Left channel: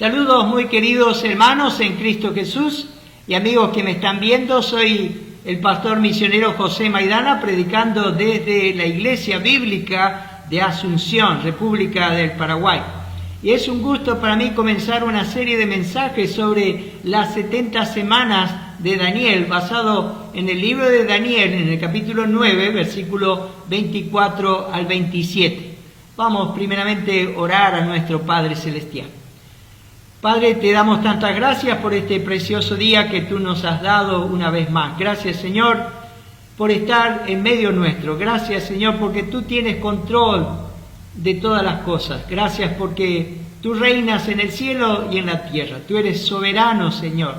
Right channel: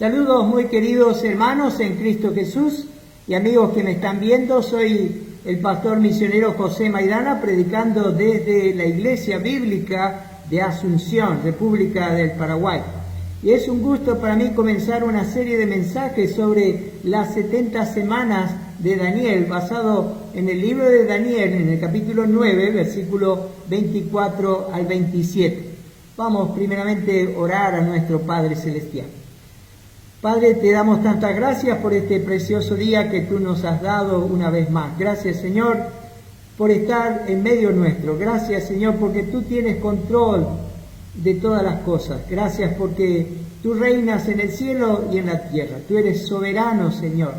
Saludos muy queridos hermanos en Cristo Jesús y amigos que me están viendo. Soy el pastor misionero José Maidana, predicando desde la Iglesia Bíblica de Asunción, República del Paraguay. Y es un gusto para mí comenzar una serie de mensajes sobre las 70 semanas de Daniel, basado en el libro de Daniel, en el capítulo 9, versículo 24 al 27. Vamos primeramente a orar a nuestro Padre Celestial. Padre, te damos tantas gracias por este precioso día que tú nos has dado una vez más. Gracias, Señor, por estar en medio nuestro. Gracias, Señor, porque tú tienes control de todas las cosas. Gracias porque tú reinas en el cielo y en la tierra. Tú eres soberano, Señor.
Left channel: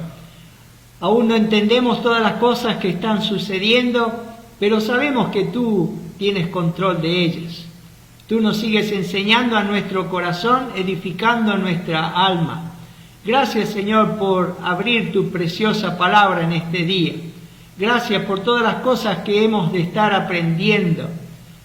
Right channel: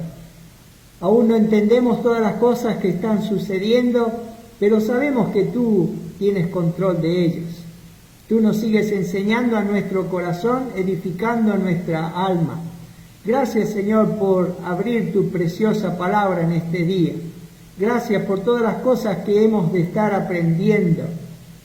Aún no entendemos todas las cosas que están sucediendo, pero sabemos que tú tienes control de ellas. Tú nos sigues enseñando a nuestro corazón, edificando nuestra alma. Gracias, Señor, por abrir tu preciosa palabra en este día. Gracias por todas las cosas que hemos de estar aprendiendo.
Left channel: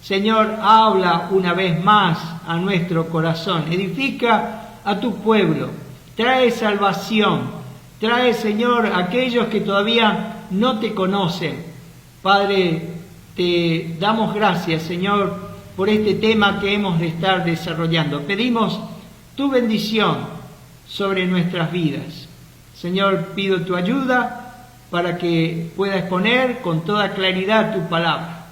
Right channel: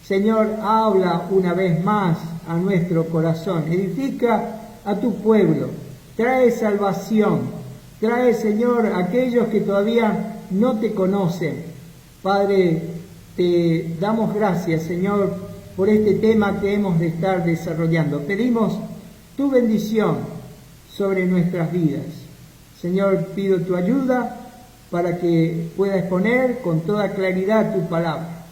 Señor, habla una vez más a nuestro corazón. Edifica a tu pueblo. Trae salvación. Trae, Señor, a aquellos que todavía no te conocen. Padre, te damos gracias, Señor, por este tema que hemos de estar desarrollando. Pedimos tu bendición sobre nuestras vidas. Señor, pido tu ayuda para que pueda exponer con toda claridad tu palabra,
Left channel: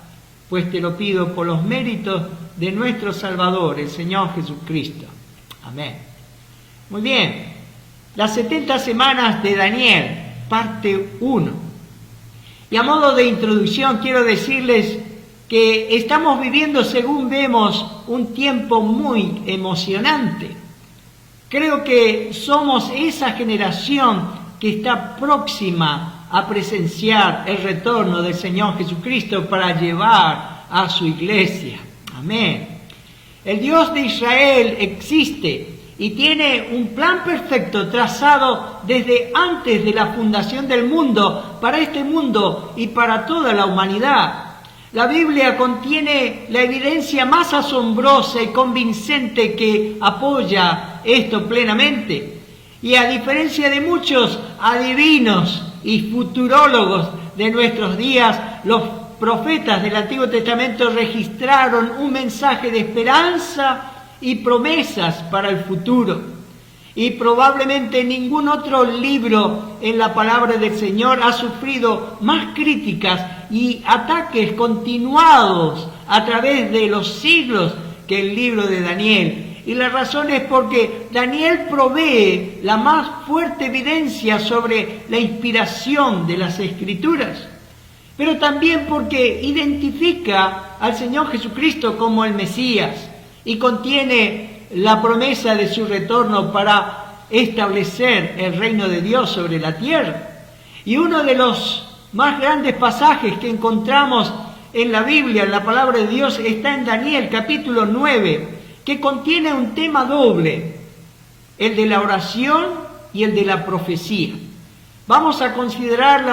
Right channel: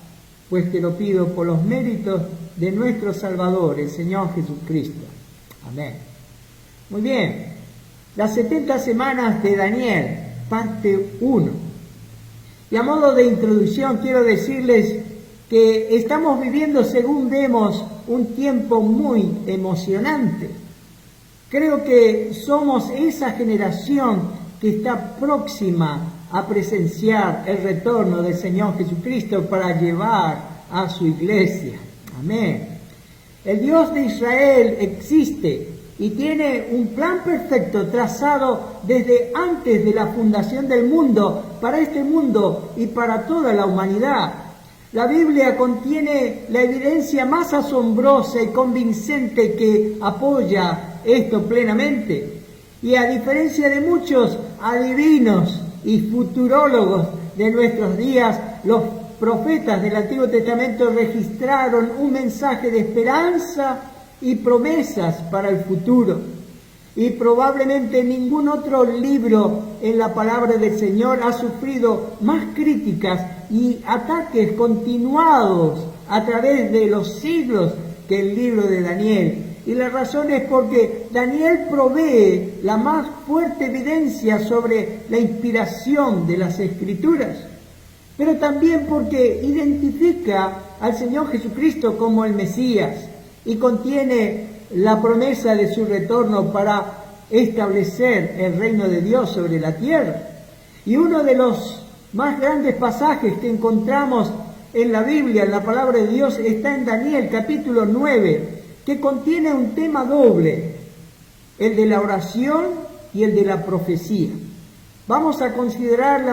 pues te lo pido por los méritos de nuestro Salvador, el Señor Jesucristo. Amén. Muy bien, las 70 semanas de Daniel, parte 1. Y a modo de introducción quiero decirles que estamos viviendo, según vemos, un tiempo muy emocionante. Creo que somos esa generación que está próxima a presenciar el retorno del Señor Jesucristo para llevar a su iglesia. Amén. El Dios de Israel existe y tiene un plan perfecto trazado desde antes de la fundación del mundo, para este mundo y para toda la humanidad. La Biblia contiene la evidencia más asombrosa y convincente que apoya esto plenamente. Y a diferencia de muchos adivinos y futurólogos de nuestros días, los profetas del Antiguo Testamento registraron un mensaje de esperanza y promesas para el futuro. Y probablemente ningún otro libro en la palabra del Señor ha sufrido más críticas y ataques continuados a través de los siglos que el libro de Daniel. Y la razón es porque Daniel provee la más fuerte evidencia sobre la inspiración de las Escrituras, pero también porque identifica al Señor Jesucristo como el Mesías y contiene la promesa de su retorno para establecer el reino de Dios sobre la tierra. Y uno de los más grandes pasajes que encontramos en la Biblia, en la palabra de Dios, está en Daniel capítulo 9, que contiene un tema doble, el de la oración y el de la profecía. Vamos a considerar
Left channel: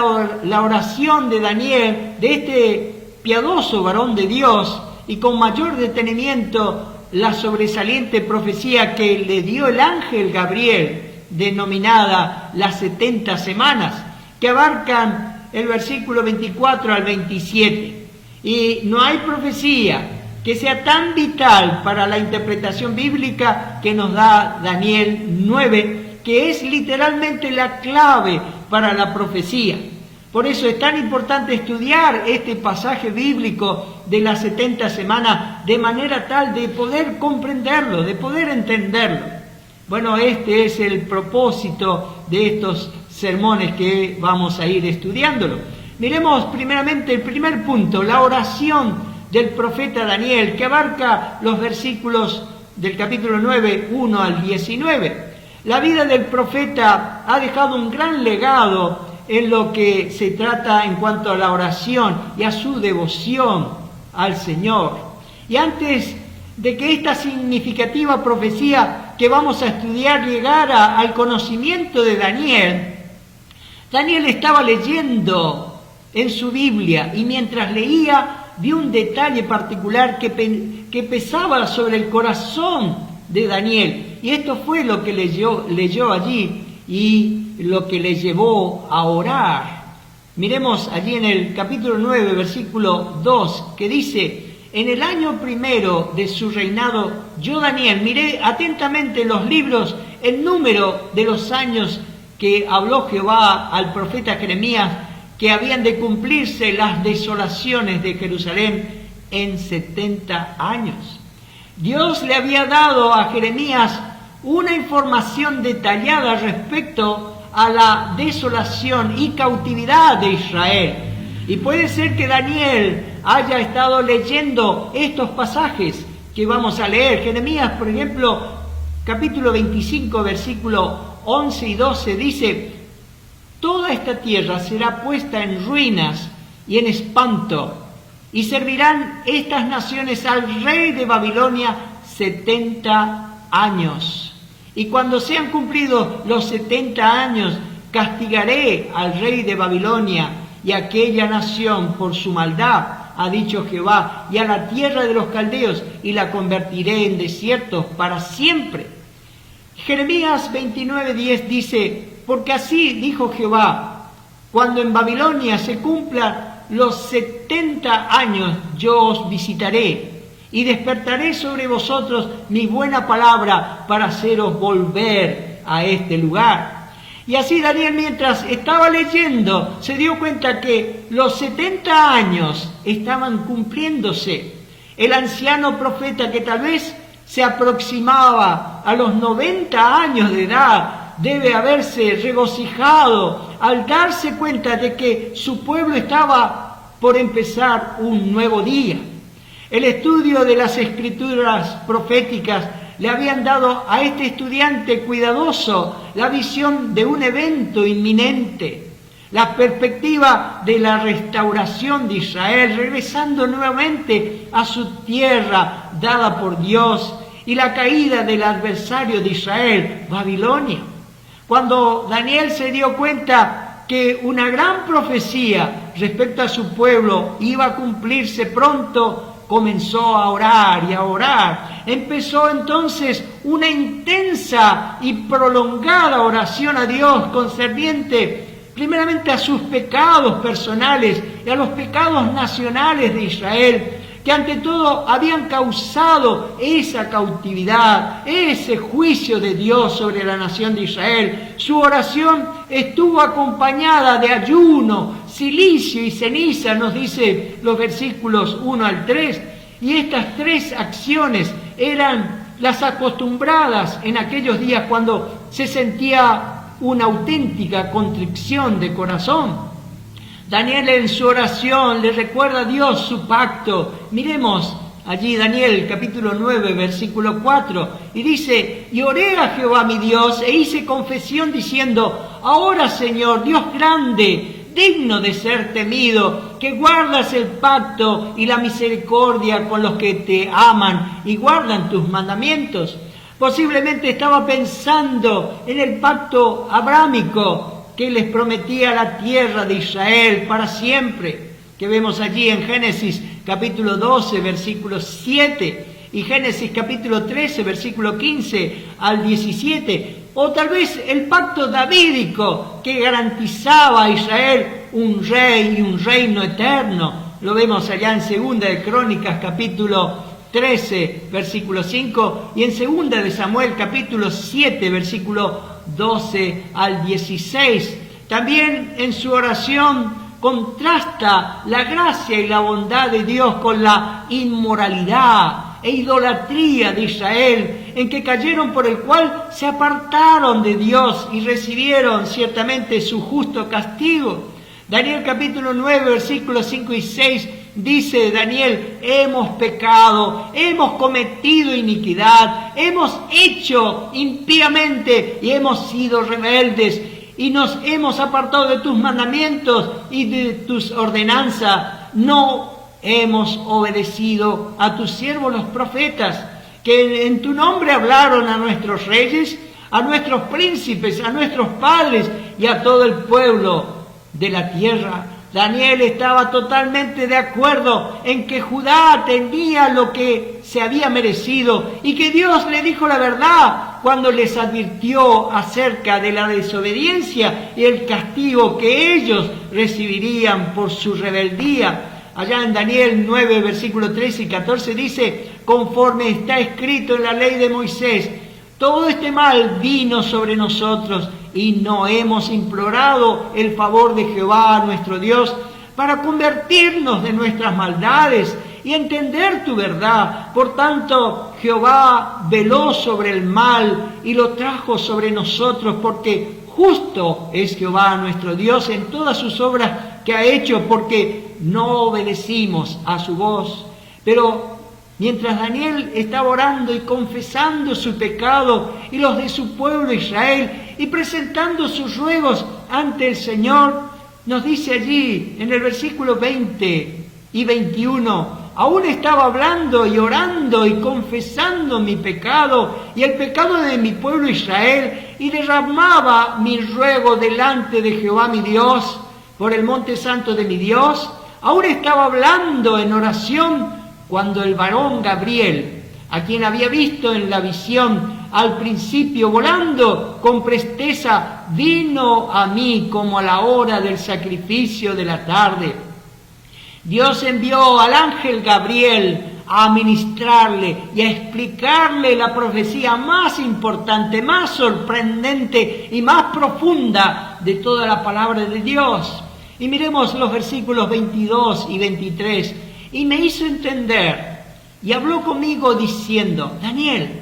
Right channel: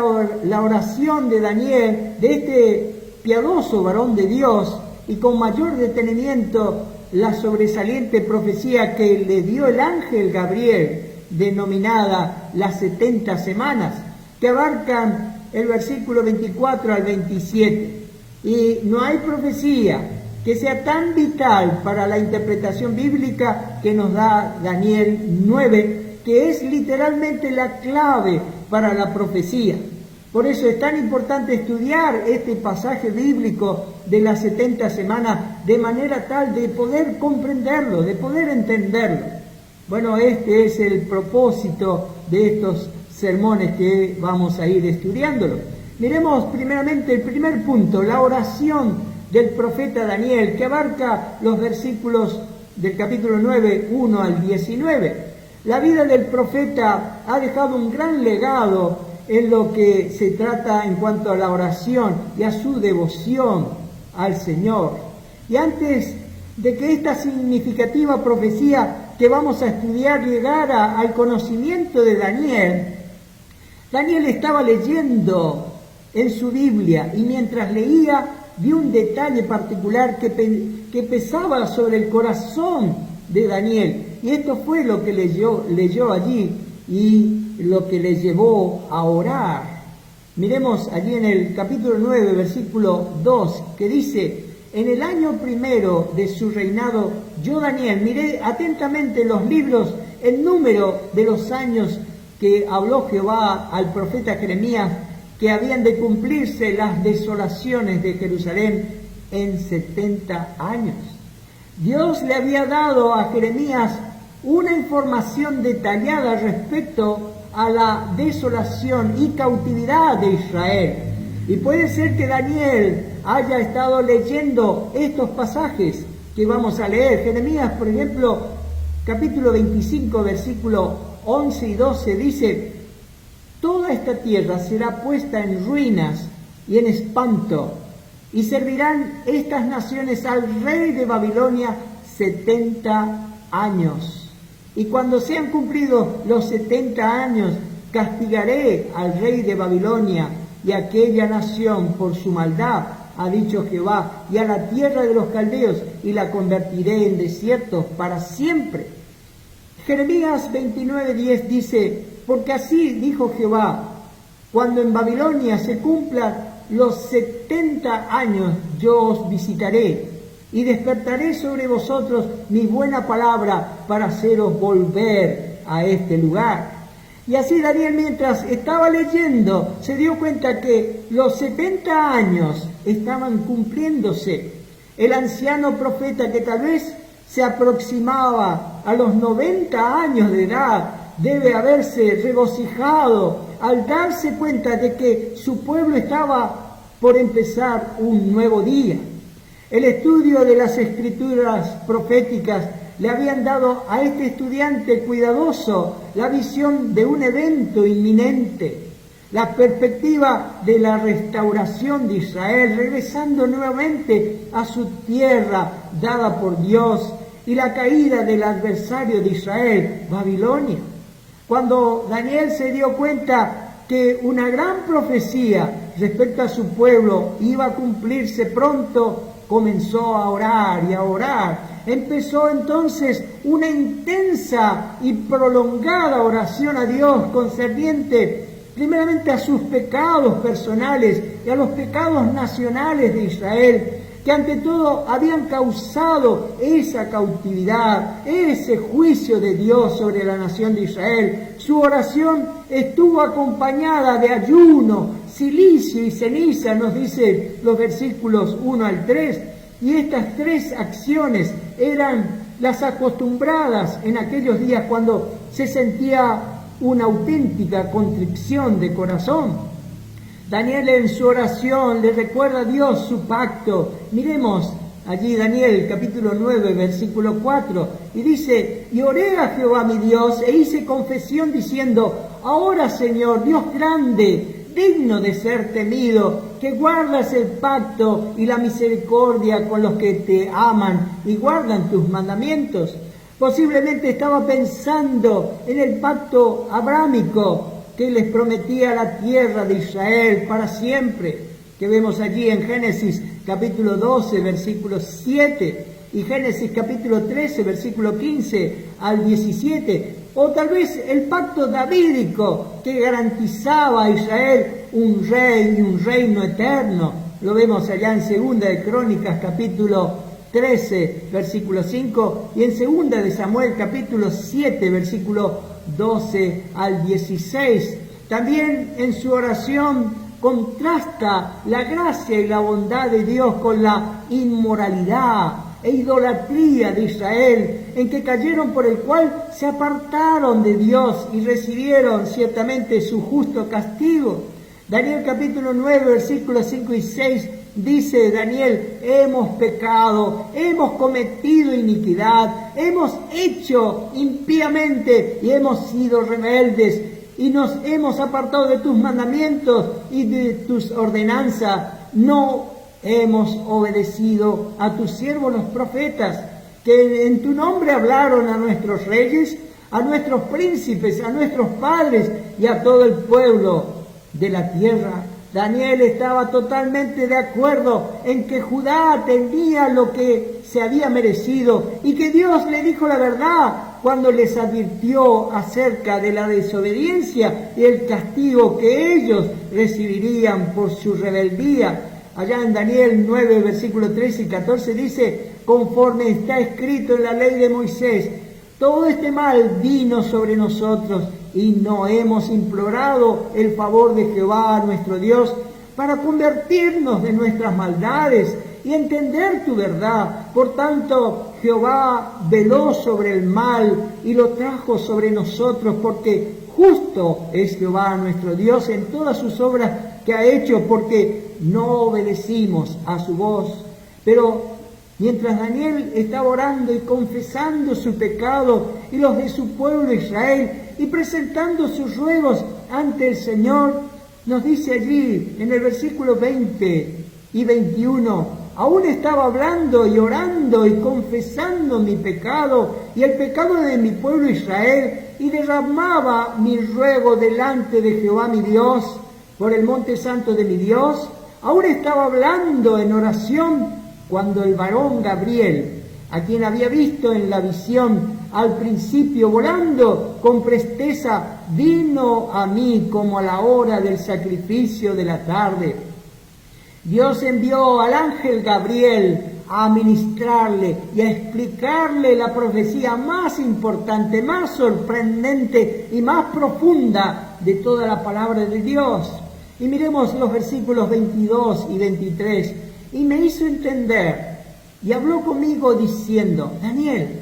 la oración de Daniel, de este piadoso varón de Dios, y con mayor detenimiento la sobresaliente profecía que le dio el ángel Gabriel, denominada las 70 semanas, que abarcan el versículo 24 al 27. Y no hay profecía que sea tan vital para la interpretación bíblica que nos da Daniel 9, que es literalmente la clave para la profecía. Por eso es tan importante estudiar este pasaje bíblico de las 70 semanas de manera tal de poder comprenderlo, de poder entenderlo. Bueno, este es el propósito de estos sermones que vamos a ir estudiándolo. Miremos primeramente el primer punto, la oración del profeta Daniel, que abarca los versículos del capítulo 9, 1 al 19. La vida del profeta ha dejado un gran legado en lo que se trata en cuanto a la oración y a su devoción al Señor. Y antes de que esta significativa profecía que vamos a estudiar llegara al conocimiento de Daniel, Daniel estaba leyendo en su Biblia y mientras leía vio un detalle particular que pesaba sobre el corazón de Daniel. Y esto fue lo que leyó allí y lo que le llevó a orar. Miremos allí en el capítulo 9, versículo 2, que dice: en el año primero de su reinado, yo Daniel miré atentamente los libros, el número de los años que habló Jehová al profeta Jeremías, que habían de cumplirse las desolaciones de Jerusalén en 70 años. Dios le había dado a Jeremías una información detallada respecto a la desolación y cautividad de Israel. Y puede ser que Daniel haya estado leyendo estos pasajes que vamos a leer. Jeremías, por ejemplo, capítulo 25, versículo 11 y 12, dice: toda esta tierra será puesta en ruinas y en espanto, y servirán estas naciones al rey de Babilonia 70 años. Y cuando sean cumplidos los 70 años, castigaré al rey de Babilonia y a aquella nación por su maldad, ha dicho Jehová, y a la tierra de los caldeos, y la convertiré en desierto para siempre. Jeremías 29:10 dice: porque así dijo Jehová, cuando en Babilonia se cumplan los 70 años, yo os visitaré, y despertaré sobre vosotros mi buena palabra para haceros volver a este lugar. Y así Daniel, mientras estaba leyendo, se dio cuenta que los 70 años estaban cumpliéndose. El anciano profeta, que tal vez se aproximaba a los 90 años de edad, debe haberse regocijado al darse cuenta de que su pueblo estaba por empezar un nuevo día. El estudio de las escrituras proféticas le habían dado a este estudiante cuidadoso la visión de un evento inminente, la perspectiva de la restauración de Israel, regresando nuevamente a su tierra dada por Dios, y la caída del adversario de Israel, Babilonia. Cuando Daniel se dio cuenta que una gran profecía respecto a su pueblo iba a cumplirse pronto, comenzó a orar y a orar. Empezó entonces una intensa y prolongada oración a Dios concerniente primeramente a sus pecados personales y a los pecados nacionales de Israel, que ante todo habían causado esa cautividad, ese juicio de Dios sobre la nación de Israel. Su oración estuvo acompañada de ayuno, silicio y ceniza, nos dice los versículos 1 al 3, y estas tres acciones eran las acostumbradas en aquellos días cuando se sentía una auténtica contrición de corazón. Daniel en su oración le recuerda a Dios su pacto. Miremos allí Daniel capítulo 9 versículo 4 y dice: y oré a Jehová mi Dios e hice confesión diciendo: ahora Señor, Dios grande, digno de ser temido, que guardas el pacto y la misericordia con los que te aman y guardan tus mandamientos. Posiblemente estaba pensando en el pacto abrámico que les prometía la tierra de Israel para siempre, que vemos allí en Génesis capítulo 12, versículo 7, y Génesis capítulo 13, versículo 15 al 17, o tal vez el pacto davídico que garantizaba a Israel un rey y un reino eterno. Lo vemos allá en Segunda de Crónicas capítulo 13, versículo 5, y en Segunda de Samuel capítulo 7, versículo 12 al 16. También en su oración contrasta la gracia y la bondad de Dios con la inmoralidad e idolatría de Israel, en que cayeron, por el cual se apartaron de Dios y recibieron ciertamente su justo castigo. Daniel capítulo 9, versículos 5 y 6 dice Daniel: hemos pecado, hemos cometido iniquidad, hemos hecho impíamente y hemos sido rebeldes y nos hemos apartado de tus mandamientos y de tus ordenanzas. No hemos obedecido a tus siervos los profetas, que en tu nombre hablaron a nuestros reyes, a nuestros príncipes, a nuestros padres y a todo el pueblo de la tierra. Daniel estaba totalmente de acuerdo en que Judá tenía lo que se había merecido y que Dios le dijo la verdad cuando les advirtió acerca de la desobediencia y el castigo que ellos recibirían por su rebeldía. Allá en Daniel 9, versículos 13 y 14 dice: conforme está escrito en la ley de Moisés, todo este mal vino sobre nosotros y no hemos implorado el favor de Jehová nuestro Dios para convertirnos de nuestras maldades y entender tu verdad. Por tanto, Jehová veló sobre el mal y lo trajo sobre nosotros, porque justo es Jehová nuestro Dios en todas sus obras que ha hecho, porque no obedecimos a su voz. Pero mientras Daniel estaba orando y confesando su pecado y los de su pueblo Israel y presentando sus ruegos ante el Señor, nos dice allí en el versículo 20 y 21, aún estaba hablando y orando y confesando mi pecado y el pecado de mi pueblo Israel, y derramaba mi ruego delante de Jehová mi Dios por el monte santo de mi Dios. Aún estaba hablando en oración cuando el varón Gabriel, a quien había visto en la visión al principio volando con presteza, vino a mí como a la hora del sacrificio de la tarde. Dios envió al ángel Gabriel a ministrarle y a explicarle la profecía más importante, más sorprendente y más profunda de toda la palabra de Dios. Y miremos los versículos 22 y 23. Y me hizo entender y habló conmigo diciendo: Daniel,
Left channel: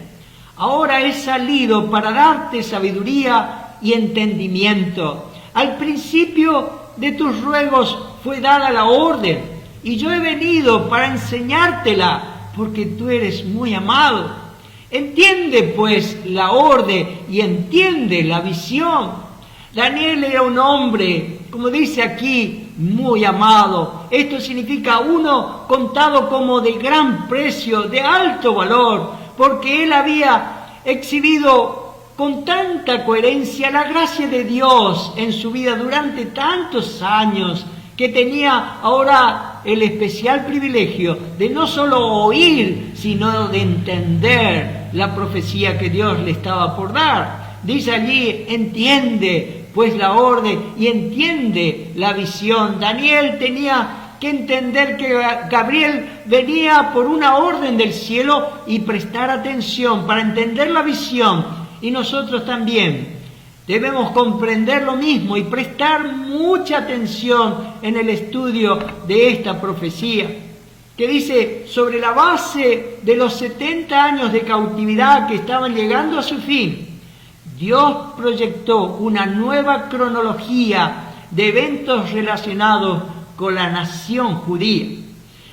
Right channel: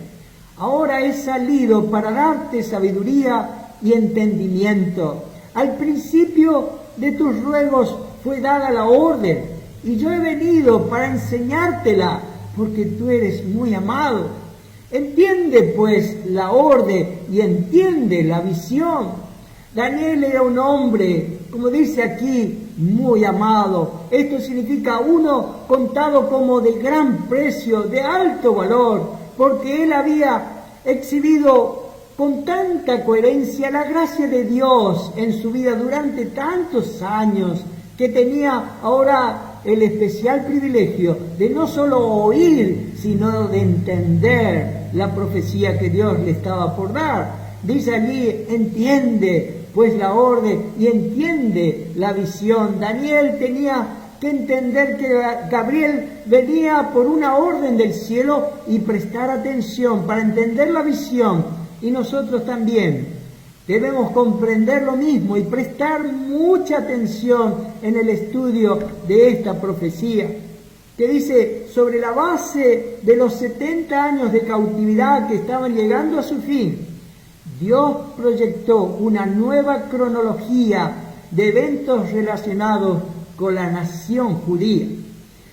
ahora he salido para darte sabiduría y entendimiento. Al principio de tus ruegos fue dada la orden, y yo he venido para enseñártela, porque tú eres muy amado. Entiende pues la orden y entiende la visión. Daniel era un hombre, como dice aquí, muy amado. Esto significa uno contado como de gran precio, de alto valor, porque él había exhibido con tanta coherencia la gracia de Dios en su vida durante tantos años, que tenía ahora el especial privilegio de no solo oír, sino de entender la profecía que Dios le estaba por dar. Dice allí: entiende pues la orden y entiende la visión. Daniel tenía que entender que Gabriel venía por una orden del cielo y prestar atención para entender la visión. Y nosotros también debemos comprender lo mismo y prestar mucha atención en el estudio de esta profecía, que dice: sobre la base de los 70 años de cautividad que estaban llegando a su fin, Dios proyectó una nueva cronología de eventos relacionados con la nación judía.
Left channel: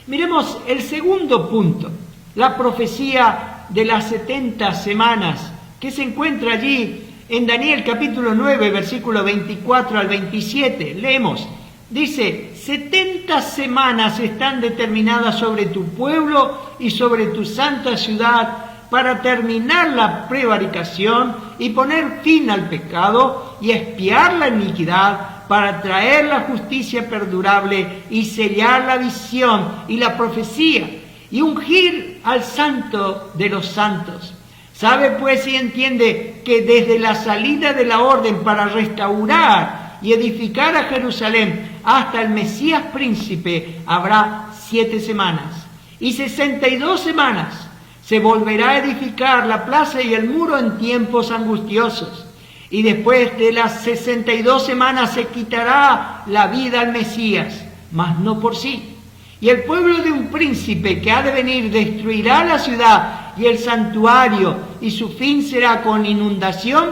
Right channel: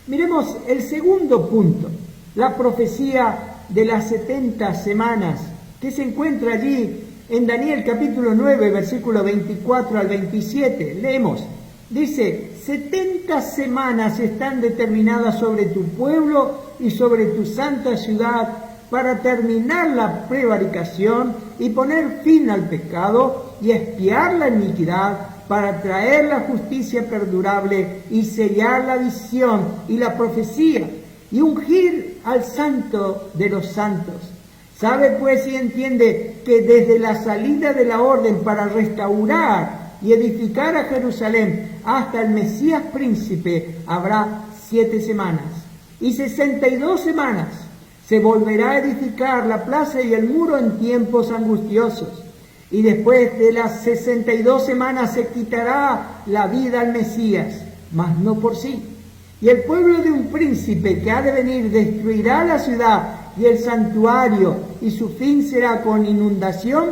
Miremos el segundo punto, la profecía de las 70 semanas, que se encuentra allí en Daniel capítulo 9, versículo 24 al 27. Leemos, dice: 70 semanas están determinadas sobre tu pueblo y sobre tu santa ciudad, para terminar la prevaricación y poner fin al pecado y expiar la iniquidad, para traer la justicia perdurable y sellar la visión y la profecía y ungir al santo de los santos. Sabe pues y entiende que desde la salida de la orden para restaurar y edificar a Jerusalén hasta el Mesías príncipe habrá 7 semanas, y 62 semanas se volverá a edificar la plaza y el muro en tiempos angustiosos. Y después de las 62 semanas se quitará la vida al Mesías, mas no por sí. Y el pueblo de un príncipe que ha de venir destruirá la ciudad y el santuario, y su fin será con inundación,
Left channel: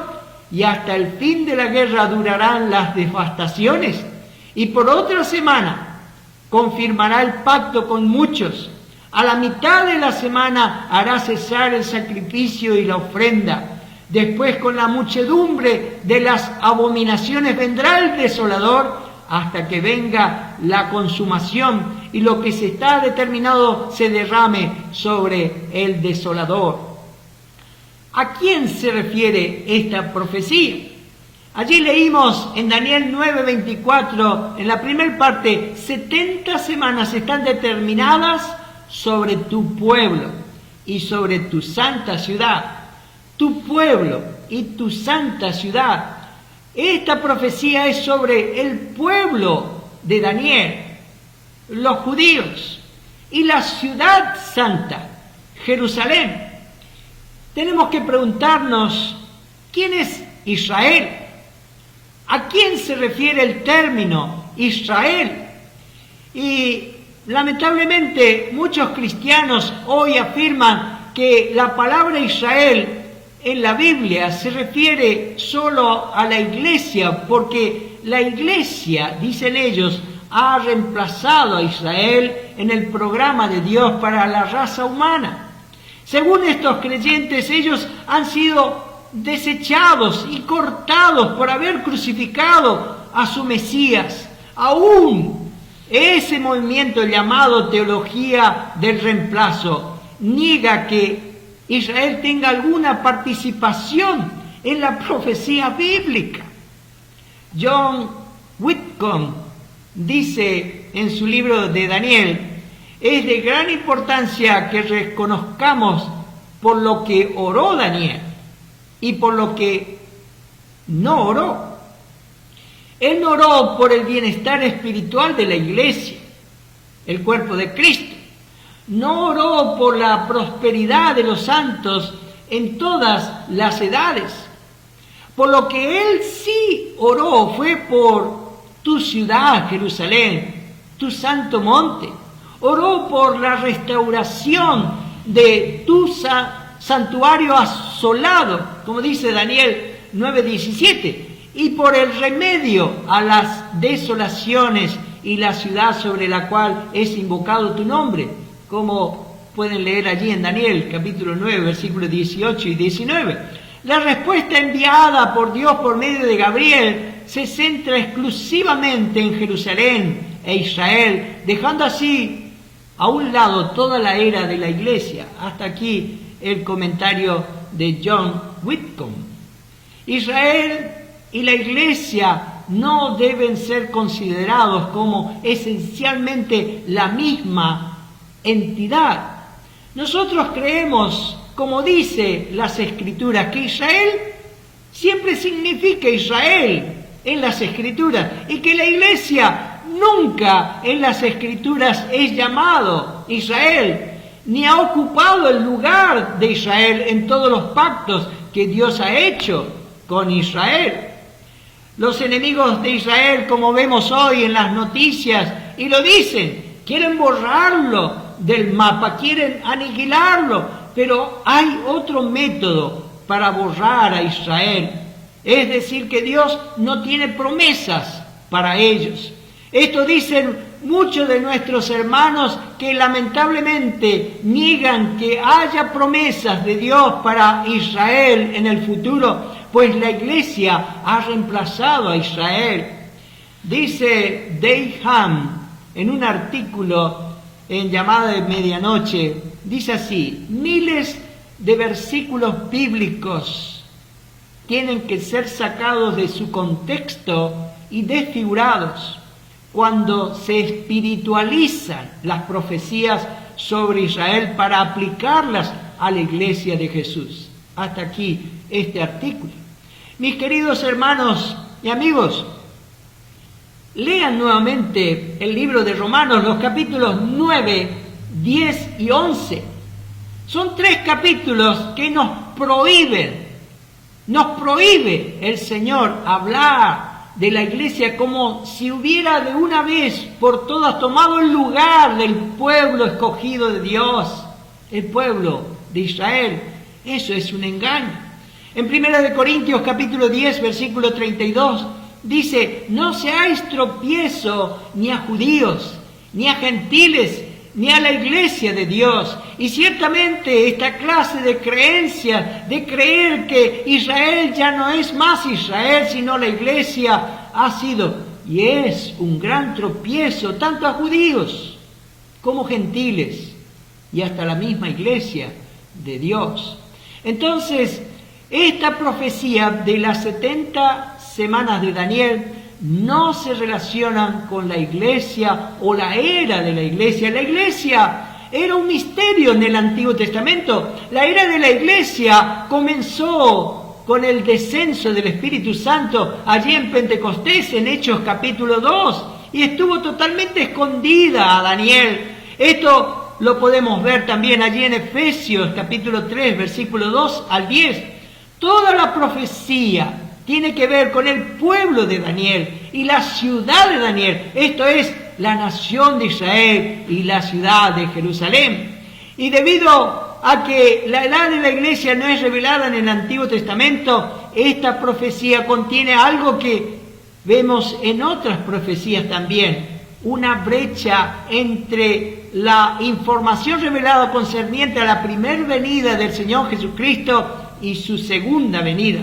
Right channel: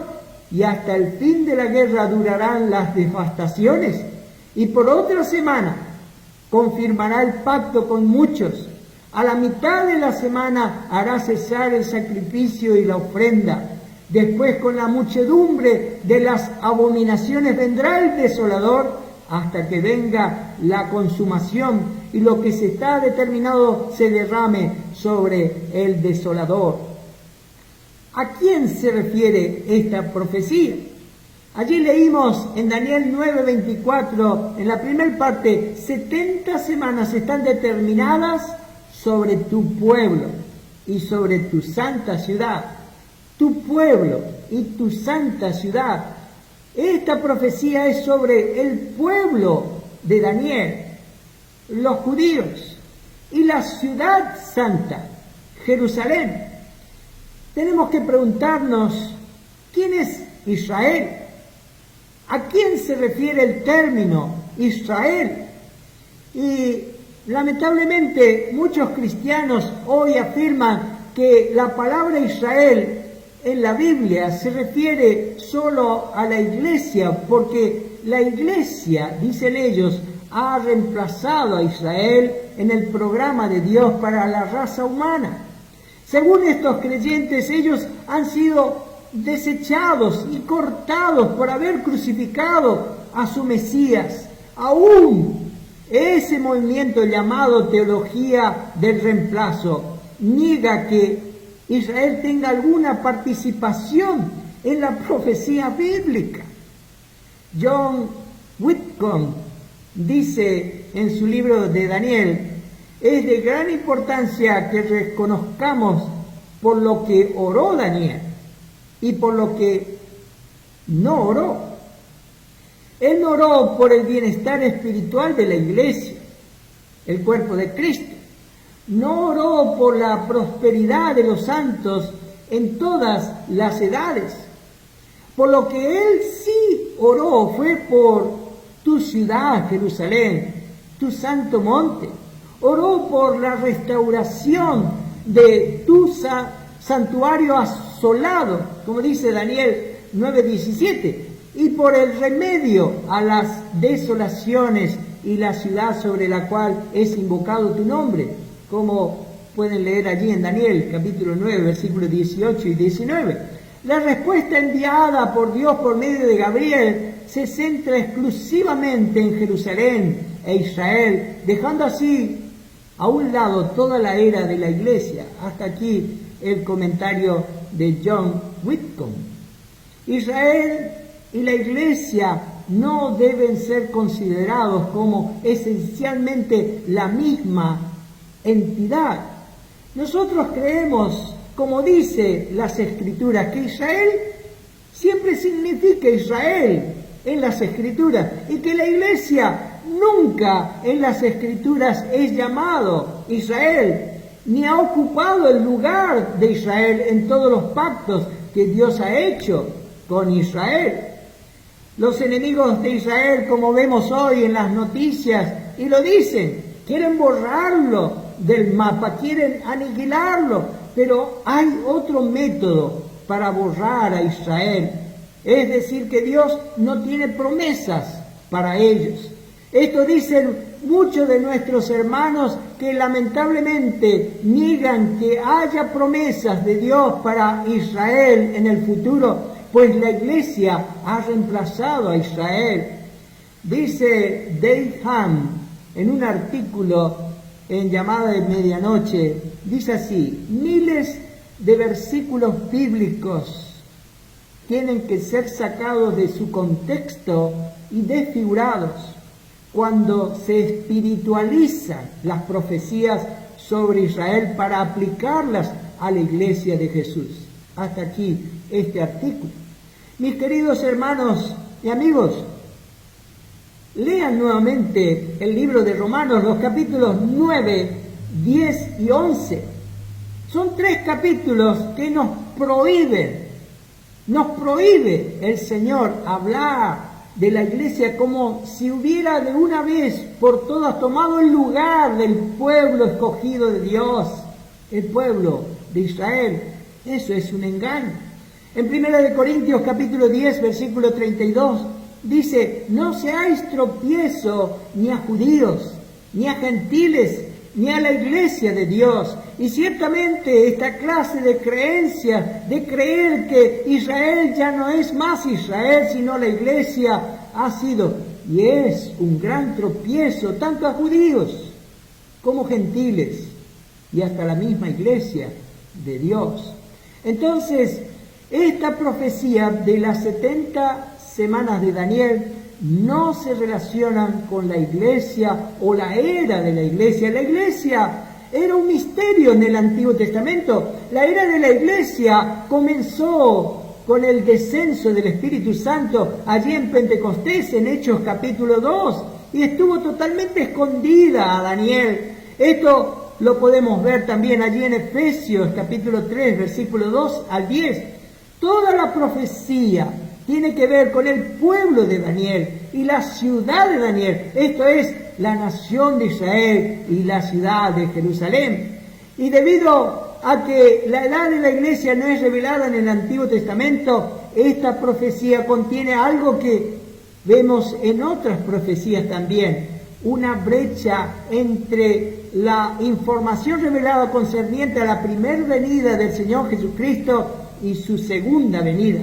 y hasta el fin de la guerra durarán las devastaciones. Y por otra semana confirmará el pacto con muchos. A la mitad de la semana hará cesar el sacrificio y la ofrenda. Después, con la muchedumbre de las abominaciones, vendrá el desolador hasta que venga la consumación y lo que se está determinado se derrame sobre el desolador. ¿A quién se refiere esta profecía? Allí leímos en Daniel 9:24, en la primera parte, 70 semanas están determinadas sobre tu pueblo y sobre tu santa ciudad. Tu pueblo y tu santa ciudad. Esta profecía es sobre el pueblo de Daniel, los judíos, y la ciudad santa, Jerusalén. Tenemos que preguntarnos, ¿quién es Israel? ¿A quién se refiere el término Israel? Y lamentablemente muchos cristianos hoy afirman que la palabra Israel en la Biblia se refiere solo a la iglesia, porque la iglesia, dicen ellos, ha reemplazado a Israel en el programa de Dios para la raza humana. Según estos creyentes, ellos han sido desechados y cortados por haber crucificado a su Mesías. Aún ese movimiento llamado teología del reemplazo niega que Israel tenga alguna participación en la profecía bíblica. John Whitcomb dice en su libro de Daniel, es de gran importancia que reconozcamos por lo que oró Daniel y por lo que no oró. Él no oró por el bienestar espiritual de la iglesia, el cuerpo de Cristo. No oró por la prosperidad de los santos en todas las edades. Por lo que él sí oró fue por tu ciudad, Jerusalén, tu santo monte. Oró por la restauración de tu santuario asolado, como dice Daniel 9:17, y por el remedio a las desolaciones y la ciudad sobre la cual es invocado tu nombre, como pueden leer allí en Daniel capítulo 9, versículos 18 y 19. La respuesta enviada por Dios por medio de Gabriel se centra exclusivamente en Jerusalén e Israel, dejando así a un lado toda la era de la iglesia. Hasta aquí el comentario de John Whitcomb. Israel y la iglesia no deben ser considerados como esencialmente la misma entidad. Nosotros creemos, como dice las Escrituras, que Israel siempre significa Israel en las Escrituras y que la iglesia nunca en las Escrituras es llamado Israel, ni ha ocupado el lugar de Israel en todos los pactos que Dios ha hecho con Israel. Los enemigos de Israel, como vemos hoy en las noticias, y lo dicen, quieren borrarlo del mapa, quieren aniquilarlo, pero hay otro método para borrar a Israel. Es decir, que Dios no tiene promesas para ellos. Esto dicen muchos de nuestros hermanos que lamentablemente niegan que haya promesas de Dios para Israel en el futuro, pues la iglesia ha reemplazado a Israel. Dice Dave Ham en un artículo en Llamada de Medianoche, dice así: miles de versículos bíblicos tienen que ser sacados de su contexto y desfigurados cuando se espiritualizan las profecías sobre Israel para aplicarlas a la iglesia de Jesús. Hasta aquí este artículo. Mis queridos hermanos y amigos, lean nuevamente el libro de Romanos, los capítulos 9, 10 y 11. Son 3 capítulos que nos prohíbe el Señor hablar de la iglesia como si hubiera de una vez por todas tomado el lugar del pueblo escogido de Dios, el pueblo de Israel. Eso es un engaño. En 1 Corintios capítulo 10, versículo 32, dice: no seáis tropiezo ni a judíos, ni a gentiles, ni a la iglesia de Dios. Y ciertamente esta clase de creencia, de creer que Israel ya no es más Israel, sino la iglesia, ha sido y es un gran tropiezo tanto a judíos como gentiles y hasta la misma iglesia de Dios. Entonces, esta profecía de las 70 semanas de Daniel no se relacionan con la iglesia o la era de la iglesia. La iglesia era un misterio en el Antiguo Testamento. La era de la iglesia comenzó con el descenso del Espíritu Santo allí en Pentecostés, en Hechos capítulo 2, y estuvo totalmente escondida a Daniel. Esto lo podemos ver también allí en Efesios capítulo 3, versículo 2 al 10. Toda la profecía tiene que ver con el pueblo de Daniel y la ciudad de Daniel. Esto es la nación de Israel y la ciudad de Jerusalén. Y debido a que la edad de la iglesia no es revelada en el Antiguo Testamento, esta profecía contiene algo que vemos en otras profecías también: una brecha entre la información revelada concerniente a la primera venida del Señor Jesucristo y su segunda venida.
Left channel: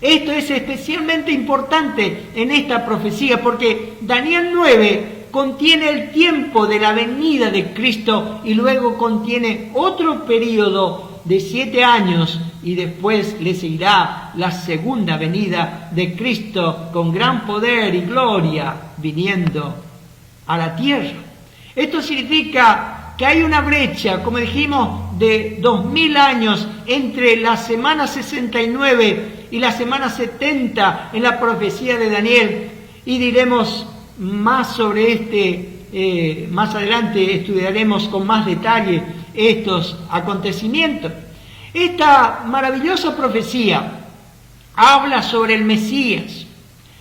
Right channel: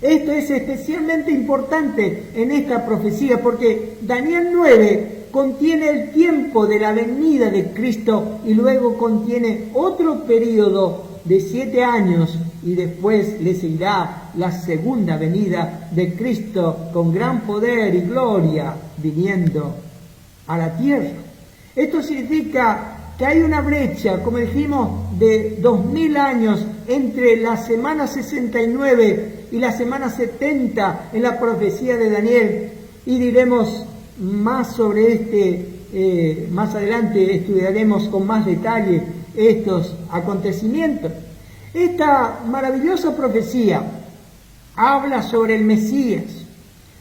Esto es especialmente importante en esta profecía porque Daniel 9 contiene el tiempo de la venida de Cristo y luego contiene otro periodo de 7 años y después le seguirá la segunda venida de Cristo con gran poder y gloria viniendo a la tierra. Esto significa que hay una brecha, como dijimos, de 2000 años entre la semana 69 y la semana 70 en la profecía de Daniel, y diremos más sobre más adelante estudiaremos con más detalle estos acontecimientos. Esta maravillosa profecía habla sobre el Mesías,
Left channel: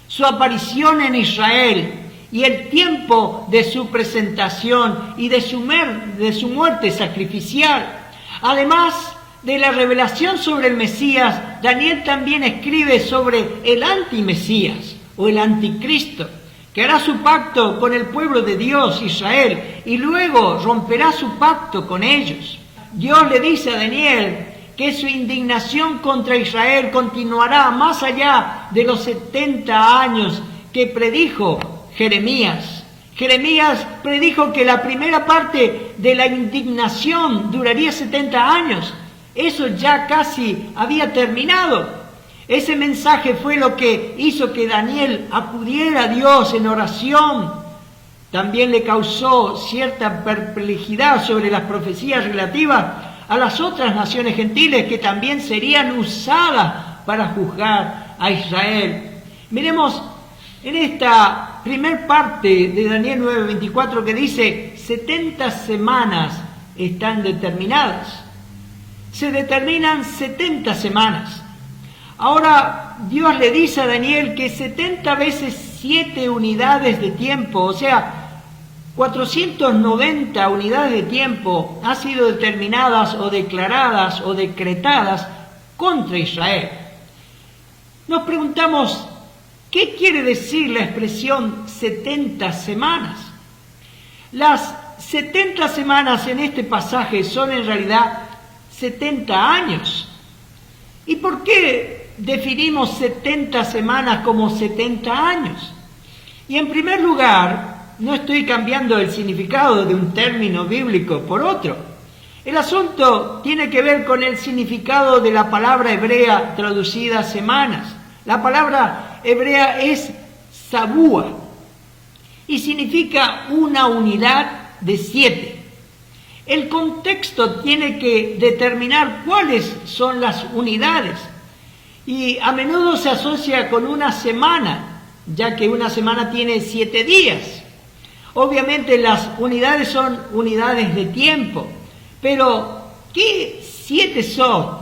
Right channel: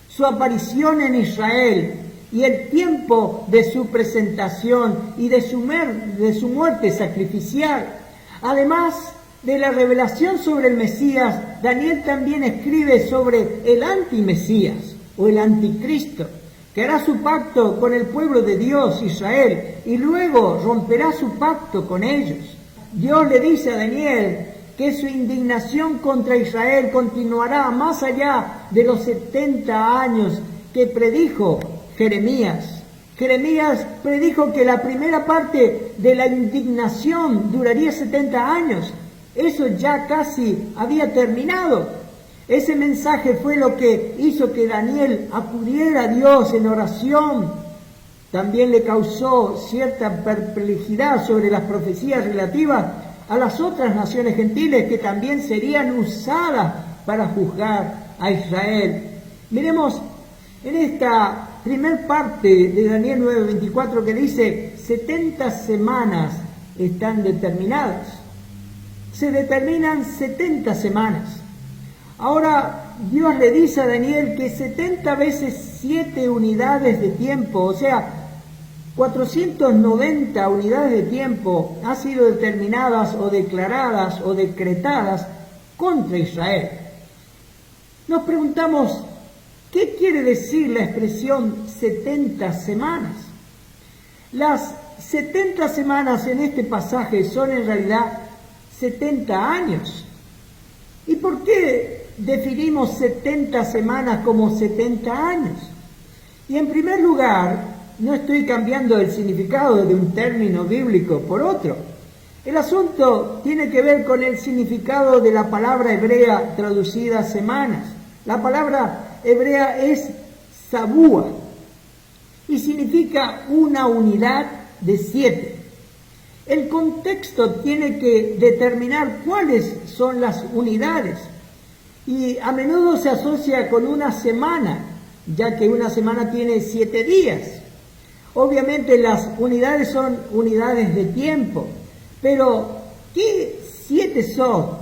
su aparición en Israel y el tiempo de su presentación y de su muerte sacrificial. Además de la revelación sobre el Mesías, Daniel también escribe sobre el antimesías o el anticristo, que hará su pacto con el pueblo de Dios, Israel, y luego romperá su pacto con ellos. Dios le dice a Daniel que su indignación contra Israel continuará más allá de los 70 años que predijo Jeremías. Jeremías predijo que la primera parte de la indignación duraría 70 años. Eso ya casi había terminado. Ese mensaje fue lo que hizo que Daniel acudiera a Dios en oración. También le causó cierta perplejidad sobre las profecías relativas a las otras naciones gentiles que también serían usadas para juzgar a Israel. Miremos en esta primer parte de Daniel 9:24 que dice: 70 semanas están determinadas. Se determinan 70 semanas. Ahora Dios le dice a Daniel que 70 veces 7 unidades de tiempo, o sea, 490 unidades de tiempo, han sido determinadas o declaradas o decretadas contra Israel. Nos preguntamos, ¿qué quiere decir la expresión 70 semanas? Las 70 semanas en este pasaje son en realidad 70 años. ¿Y por qué definimos 70 semanas como 70 años? Y en primer lugar, no estoy cambiando el significado de un término bíblico por otro. El asunto tiene que ver con el significado de la palabra hebrea traducida semanas. La palabra hebrea es sabúa y significa una unidad de 7. El contexto tiene que determinar cuáles son las unidades y a menudo se asocia con una semana, ya que una semana tiene 7 días. Obviamente las unidades son unidades de tiempo, pero ¿qué 7 son?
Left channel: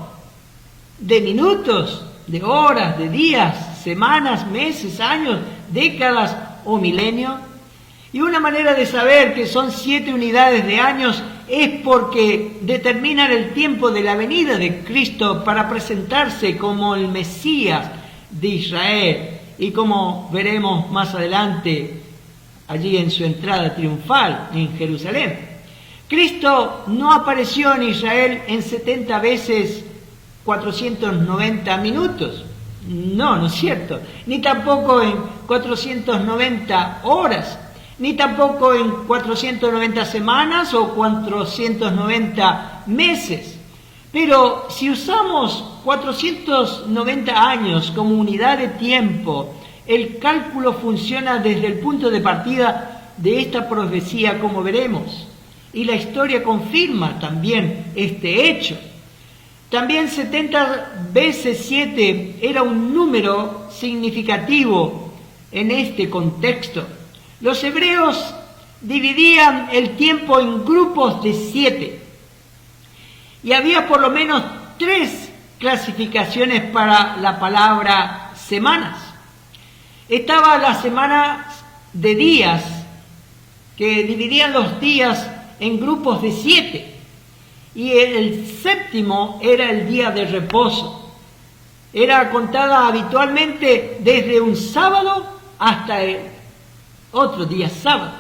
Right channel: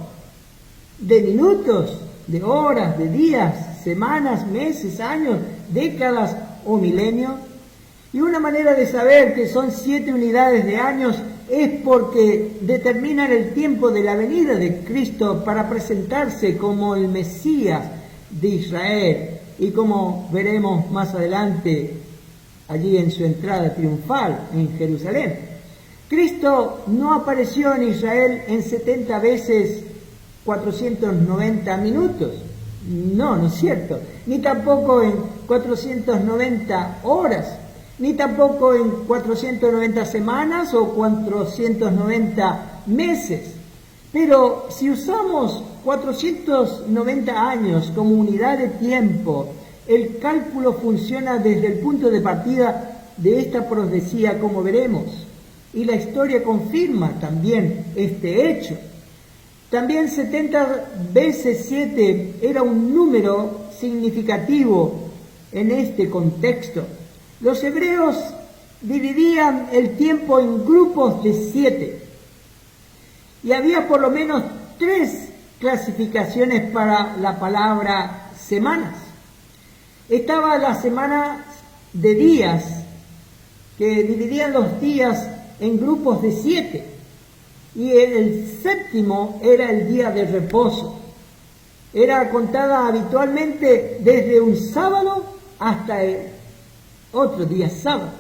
¿De minutos, de horas, de días, semanas, meses, años, décadas o milenios? Y una manera de saber que son 7 unidades de años es porque determinan el tiempo de la venida de Cristo para presentarse como el Mesías de Israel, y como veremos más adelante allí en su entrada triunfal en Jerusalén. Cristo no apareció en Israel en 70 veces 490 minutos. No es cierto. Ni tampoco en 490 horas. Ni tampoco en 490 semanas o 490 meses. Pero si usamos 490 años como unidad de tiempo, el cálculo funciona desde el punto de partida de esta profecía, como veremos, y la historia confirma también este hecho. También 70 veces 7 era un número significativo en este contexto. Los hebreos dividían el tiempo en grupos de 7 y había por lo menos 3 clasificaciones para la palabra semanas. Estaba la semana de días, que dividían los días en grupos de 7. Y el séptimo era el día de reposo. Era contada habitualmente desde un sábado hasta el otro día sábado.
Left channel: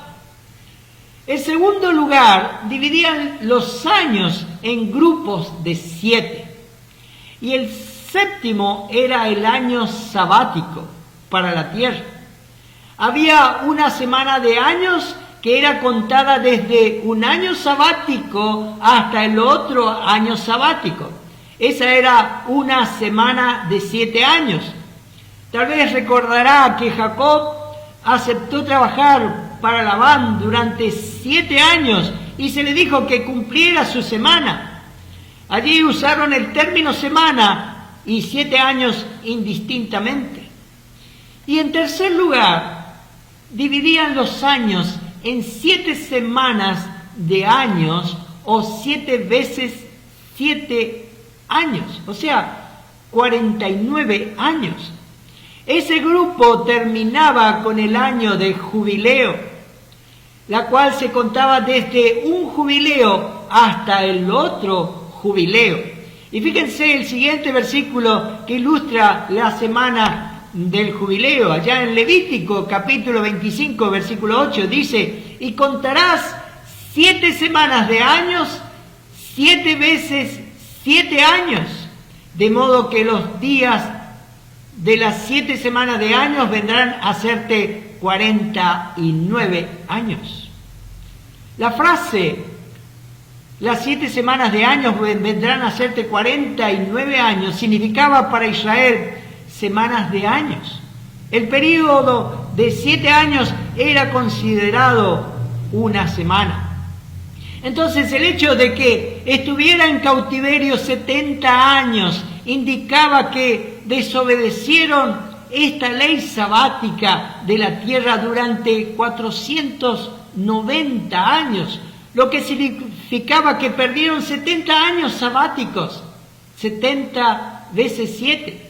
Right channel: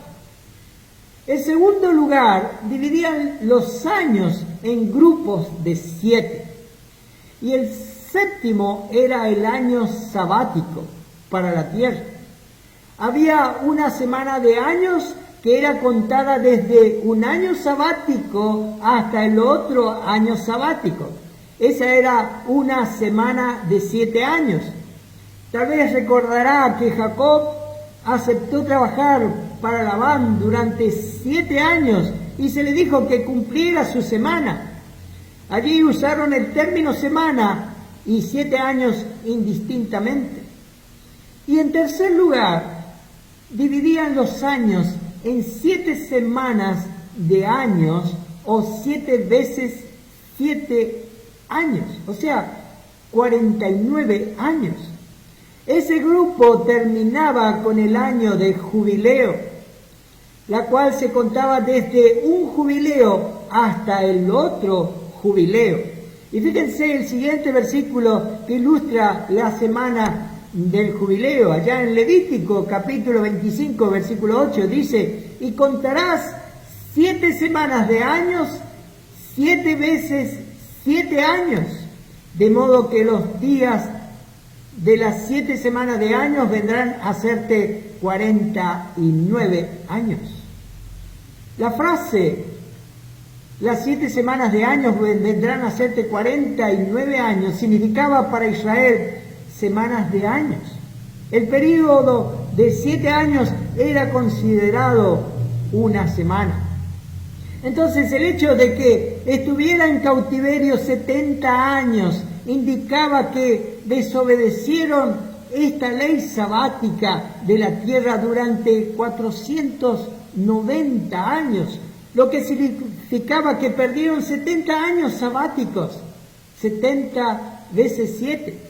En segundo lugar, dividían los años en grupos de 7. Y el séptimo era el año sabático para la tierra. Había una semana de años que era contada desde un año sabático hasta el otro año sabático. Esa era una semana de 7 años. Tal vez recordará que Jacob aceptó trabajar para Labán durante 7 años y se le dijo que cumpliera su semana. Allí usaron el término semana y 7 años indistintamente. Y en tercer lugar, dividían los años en 7 semanas de años o 7 veces 7 años, o sea, 49 años. Ese grupo terminaba con el año de jubileo, la cual se contaba desde un jubileo hasta el otro jubileo. Y fíjense el siguiente versículo que ilustra la semana del jubileo. Allá en Levítico capítulo 25 versículo 8 dice: y contarás 7 semanas de años, 7 veces 7 años, de modo que los días de las 7 semanas de años vendrán a hacerte 49 años. La frase las 7 semanas de años vendrán a hacerte 49 años significaba para Israel semanas de años. El período de 7 años era considerado una semana. Entonces el hecho de que estuviera en cautiverio 70 años indicaba que desobedecieron esta ley sabática de la tierra durante 490 años, lo que significaba que perdieron 70 años sabáticos, 70 veces 7.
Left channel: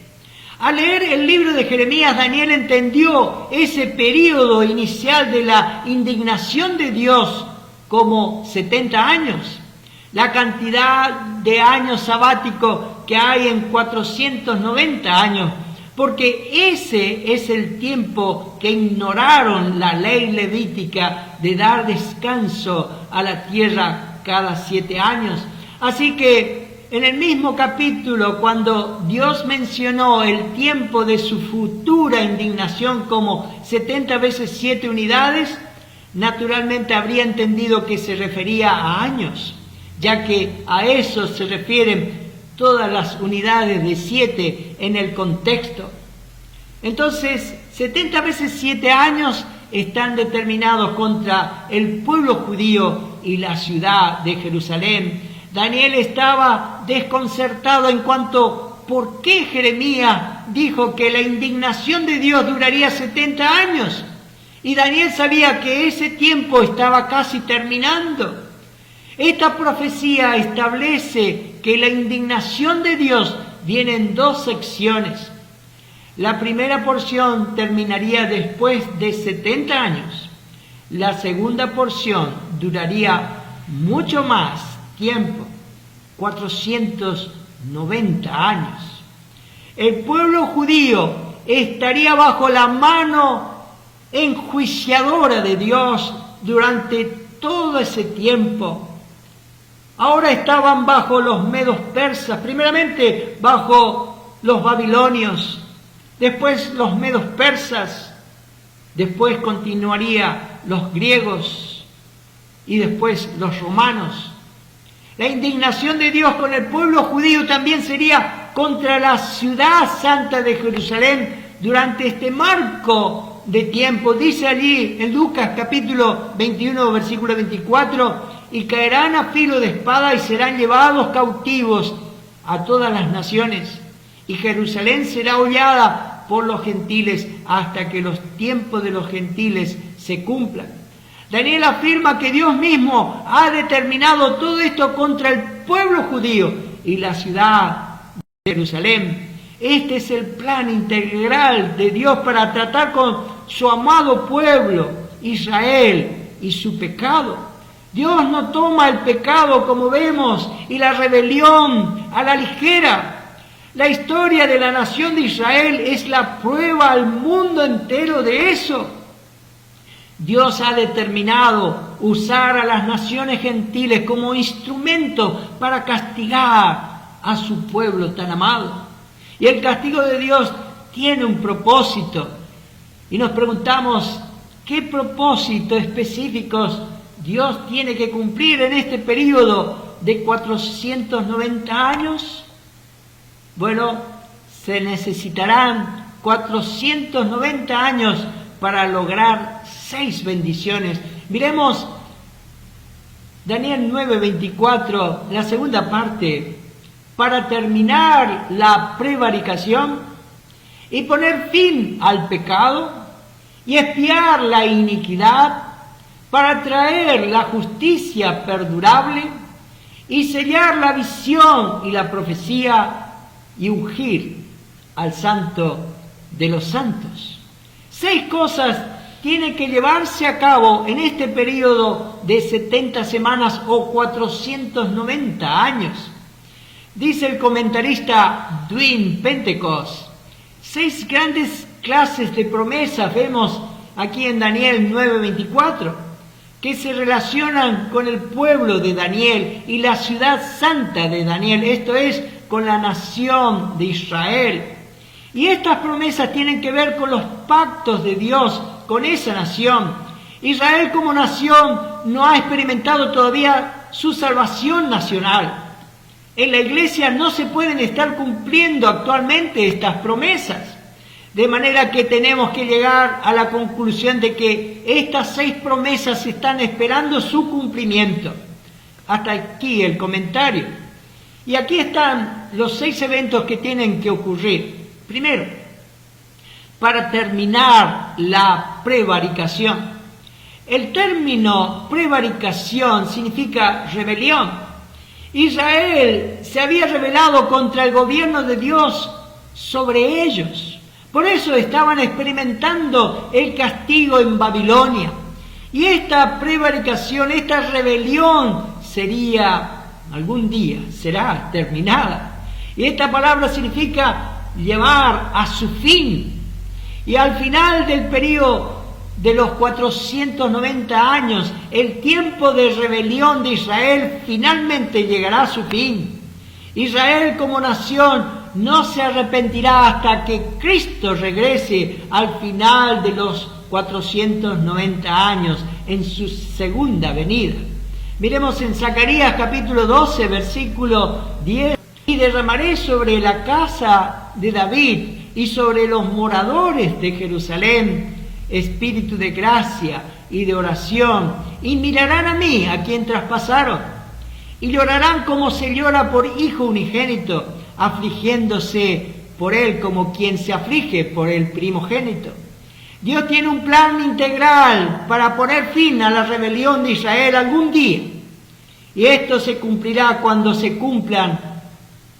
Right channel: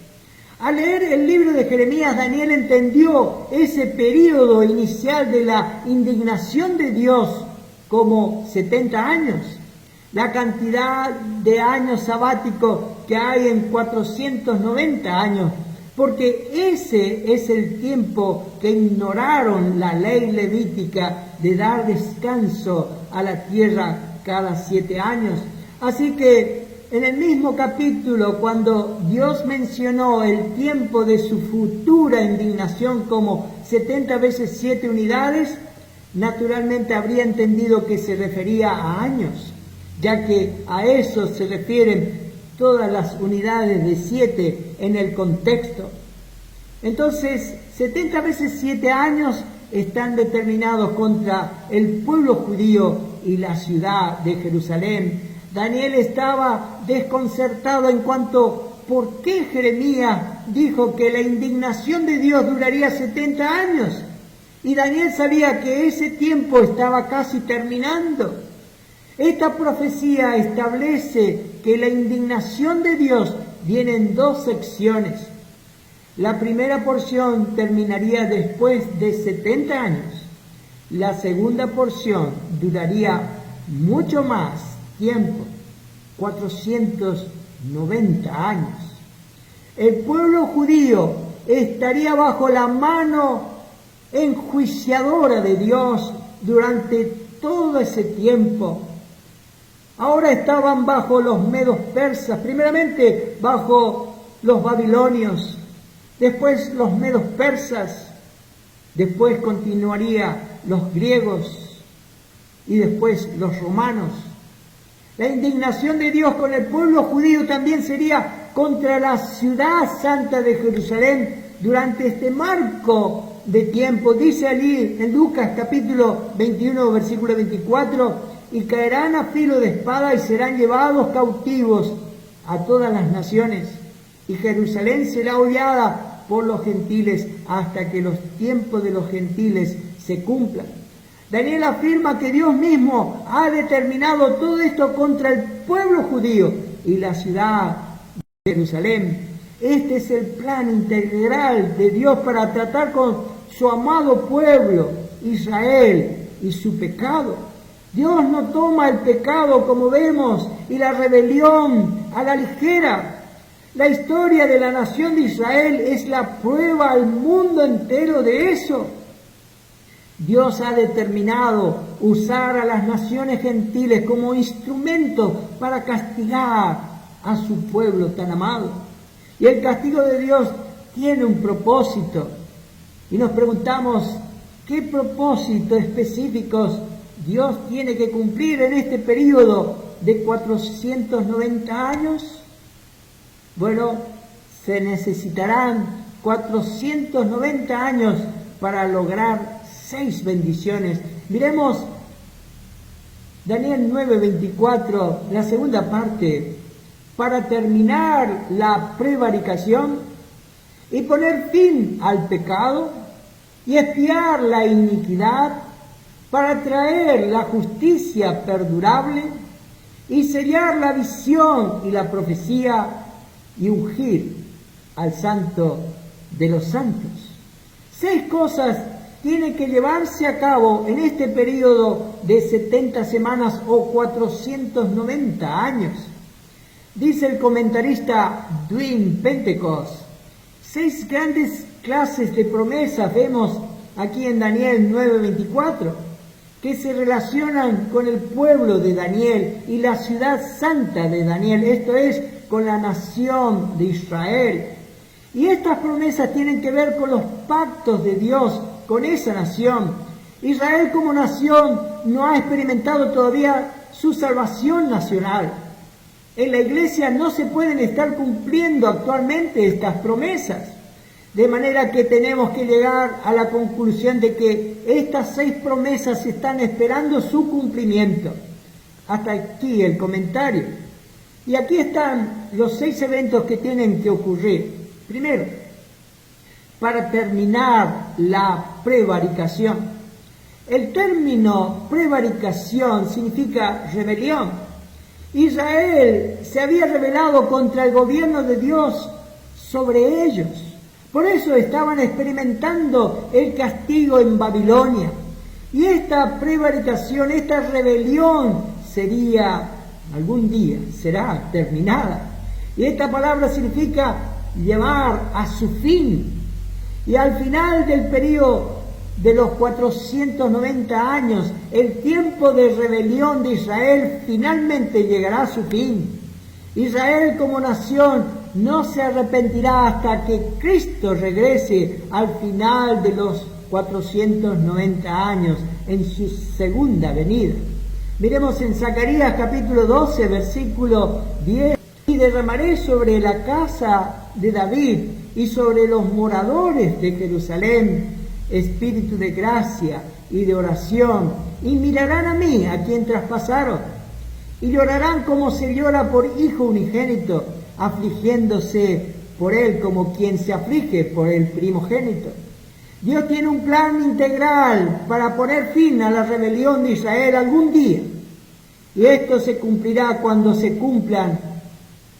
Al leer el libro de Jeremías, Daniel entendió ese período inicial de la indignación de Dios como 70 años. La cantidad de años sabáticos que hay en 490 años, porque ese es el tiempo que ignoraron la ley levítica de dar descanso a la tierra cada 7 años. Así que en el mismo capítulo, cuando Dios mencionó el tiempo de su futura indignación como 70 veces 7 unidades, naturalmente habría entendido que se refería a años, ya que a eso se refieren todas las unidades de 7 en el contexto. Entonces, 70 veces 7 años están determinados contra el pueblo judío y la ciudad de Jerusalén. Daniel estaba desconcertado en cuanto por qué Jeremías dijo que la indignación de Dios duraría 70 años. Y Daniel sabía que ese tiempo estaba casi terminando. Esta profecía establece que la indignación de Dios viene en 2 secciones. La primera porción terminaría después de 70 años. La segunda porción duraría mucho más tiempo, 490 años. El pueblo judío estaría bajo la mano enjuiciadora de Dios durante todo ese tiempo. Ahora estaban bajo los medos persas, primeramente bajo los babilonios, después los medos persas, después continuaría los griegos y después los romanos. La indignación de Dios con el pueblo judío también sería contra la ciudad santa de Jerusalén durante este marco de tiempo. Dice allí en Lucas capítulo 21, versículo 24, y caerán a filo de espada y serán llevados cautivos a todas las naciones, y Jerusalén será hollada por los gentiles hasta que los tiempos de los gentiles se cumplan. Daniel afirma que Dios mismo ha determinado todo esto contra el pueblo judío y la ciudad de Jerusalén. Este es el plan integral de Dios para tratar con su amado pueblo, Israel, y su pecado. Dios no toma el pecado, como vemos, y la rebelión a la ligera. La historia de la nación de Israel es la prueba al mundo entero de eso. Dios ha determinado usar a las naciones gentiles como instrumento para castigar a su pueblo tan amado. Y el castigo de Dios tiene un propósito. Y nos preguntamos, ¿qué propósitos específicos Dios tiene que cumplir en este periodo de 490 años? Bueno, se necesitarán 490 años para lograr 6 bendiciones. Miremos Daniel 9:24, la segunda parte, para terminar la prevaricación y poner fin al pecado y expiar la iniquidad, para traer la justicia perdurable y sellar la visión y la profecía y ungir al santo de los santos. 6 cosas tienen que llevarse a cabo en este periodo de 70 semanas o 490 años. Dice el comentarista Dwight Pentecost, 6 grandes clases de promesas vemos aquí en Daniel 9:24, que se relacionan con el pueblo de Daniel y la ciudad santa de Daniel, esto es, con la nación de Israel. Y estas promesas tienen que ver con los pactos de Dios con esa nación. Israel como nación no ha experimentado todavía su salvación nacional. En la iglesia no se pueden estar cumpliendo actualmente estas promesas. De manera que tenemos que llegar a la conclusión de que estas 6 promesas están esperando su cumplimiento. Hasta aquí el comentario. Y aquí están los 6 eventos que tienen que ocurrir. Primero, para terminar la prevaricación. El término prevaricación significa rebelión. Israel se había rebelado contra el gobierno de Dios sobre ellos. Por eso estaban experimentando el castigo en Babilonia. Y esta prevaricación, esta rebelión algún día será terminada. Y esta palabra significa llevar a su fin. Y al final del periodo de los 490 años, el tiempo de rebelión de Israel finalmente llegará a su fin. Israel como nación no se arrepentirá hasta que Cristo regrese al final de los 490 años en su segunda venida. Miremos en Zacarías capítulo 12, versículo 10. Y derramaré sobre la casa de David y sobre los moradores de Jerusalén espíritu de gracia y de oración, y mirarán a mí, a quien traspasaron, y llorarán como se llora por hijo unigénito, afligiéndose por él como quien se aflige por el primogénito. Dios tiene un plan integral para poner fin a la rebelión de Israel algún día, y esto se cumplirá cuando se cumplan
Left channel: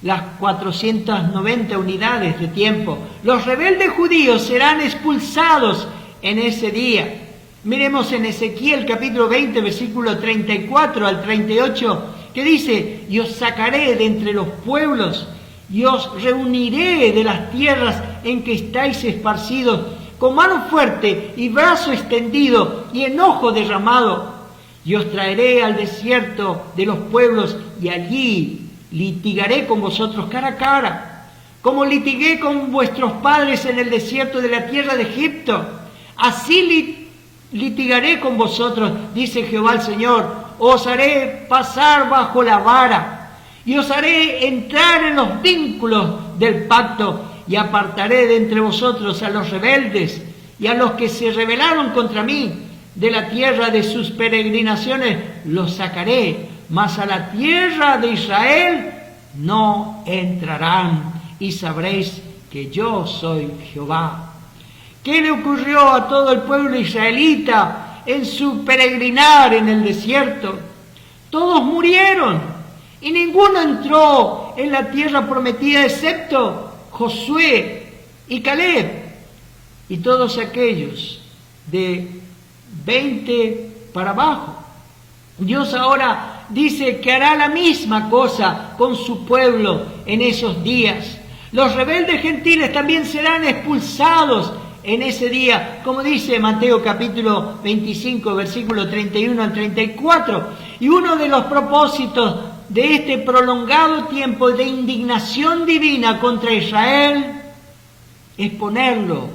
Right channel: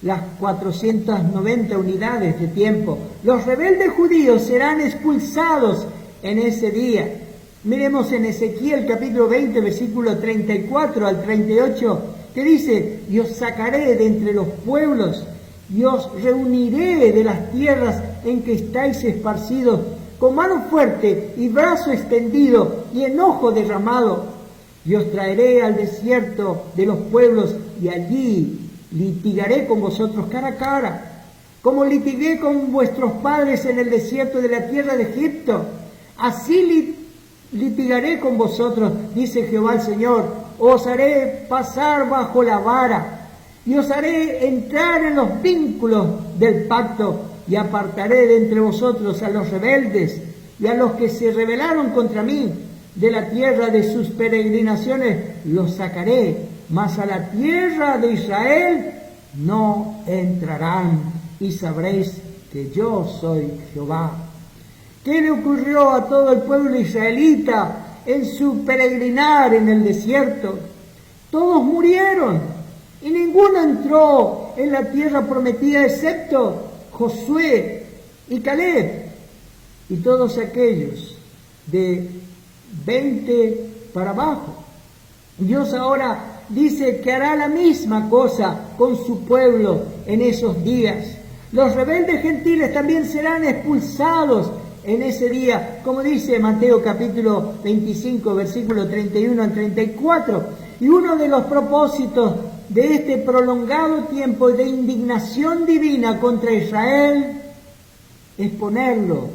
las 490 unidades de tiempo. Los rebeldes judíos serán expulsados en ese día. Miremos en Ezequiel capítulo 20, versículo 34 al 38, que dice: y os sacaré de entre los pueblos, y os reuniré de las tierras en que estáis esparcidos, con mano fuerte y brazo extendido y enojo derramado, y os traeré al desierto de los pueblos, y allí litigaré con vosotros cara a cara, como litigué con vuestros padres en el desierto de la tierra de Egipto. Así litigaré con vosotros, dice Jehová el Señor. Os haré pasar bajo la vara, y os haré entrar en los vínculos del pacto, y apartaré de entre vosotros a los rebeldes y a los que se rebelaron contra mí. De la tierra de sus peregrinaciones los sacaré, mas a la tierra de Israel no entrarán, y sabréis que yo soy Jehová. ¿Qué le ocurrió a todo el pueblo israelita en su peregrinar en el desierto? Todos murieron y ninguno entró en la tierra prometida excepto Josué y Caleb y todos aquellos de 20 para abajo. Dios ahora dice que hará la misma cosa con su pueblo en esos días. Los rebeldes gentiles también serán expulsados en ese día, como dice Mateo capítulo 25, versículo 31 al 34. Y uno de los propósitos de este prolongado tiempo de indignación divina contra Israel es ponerlo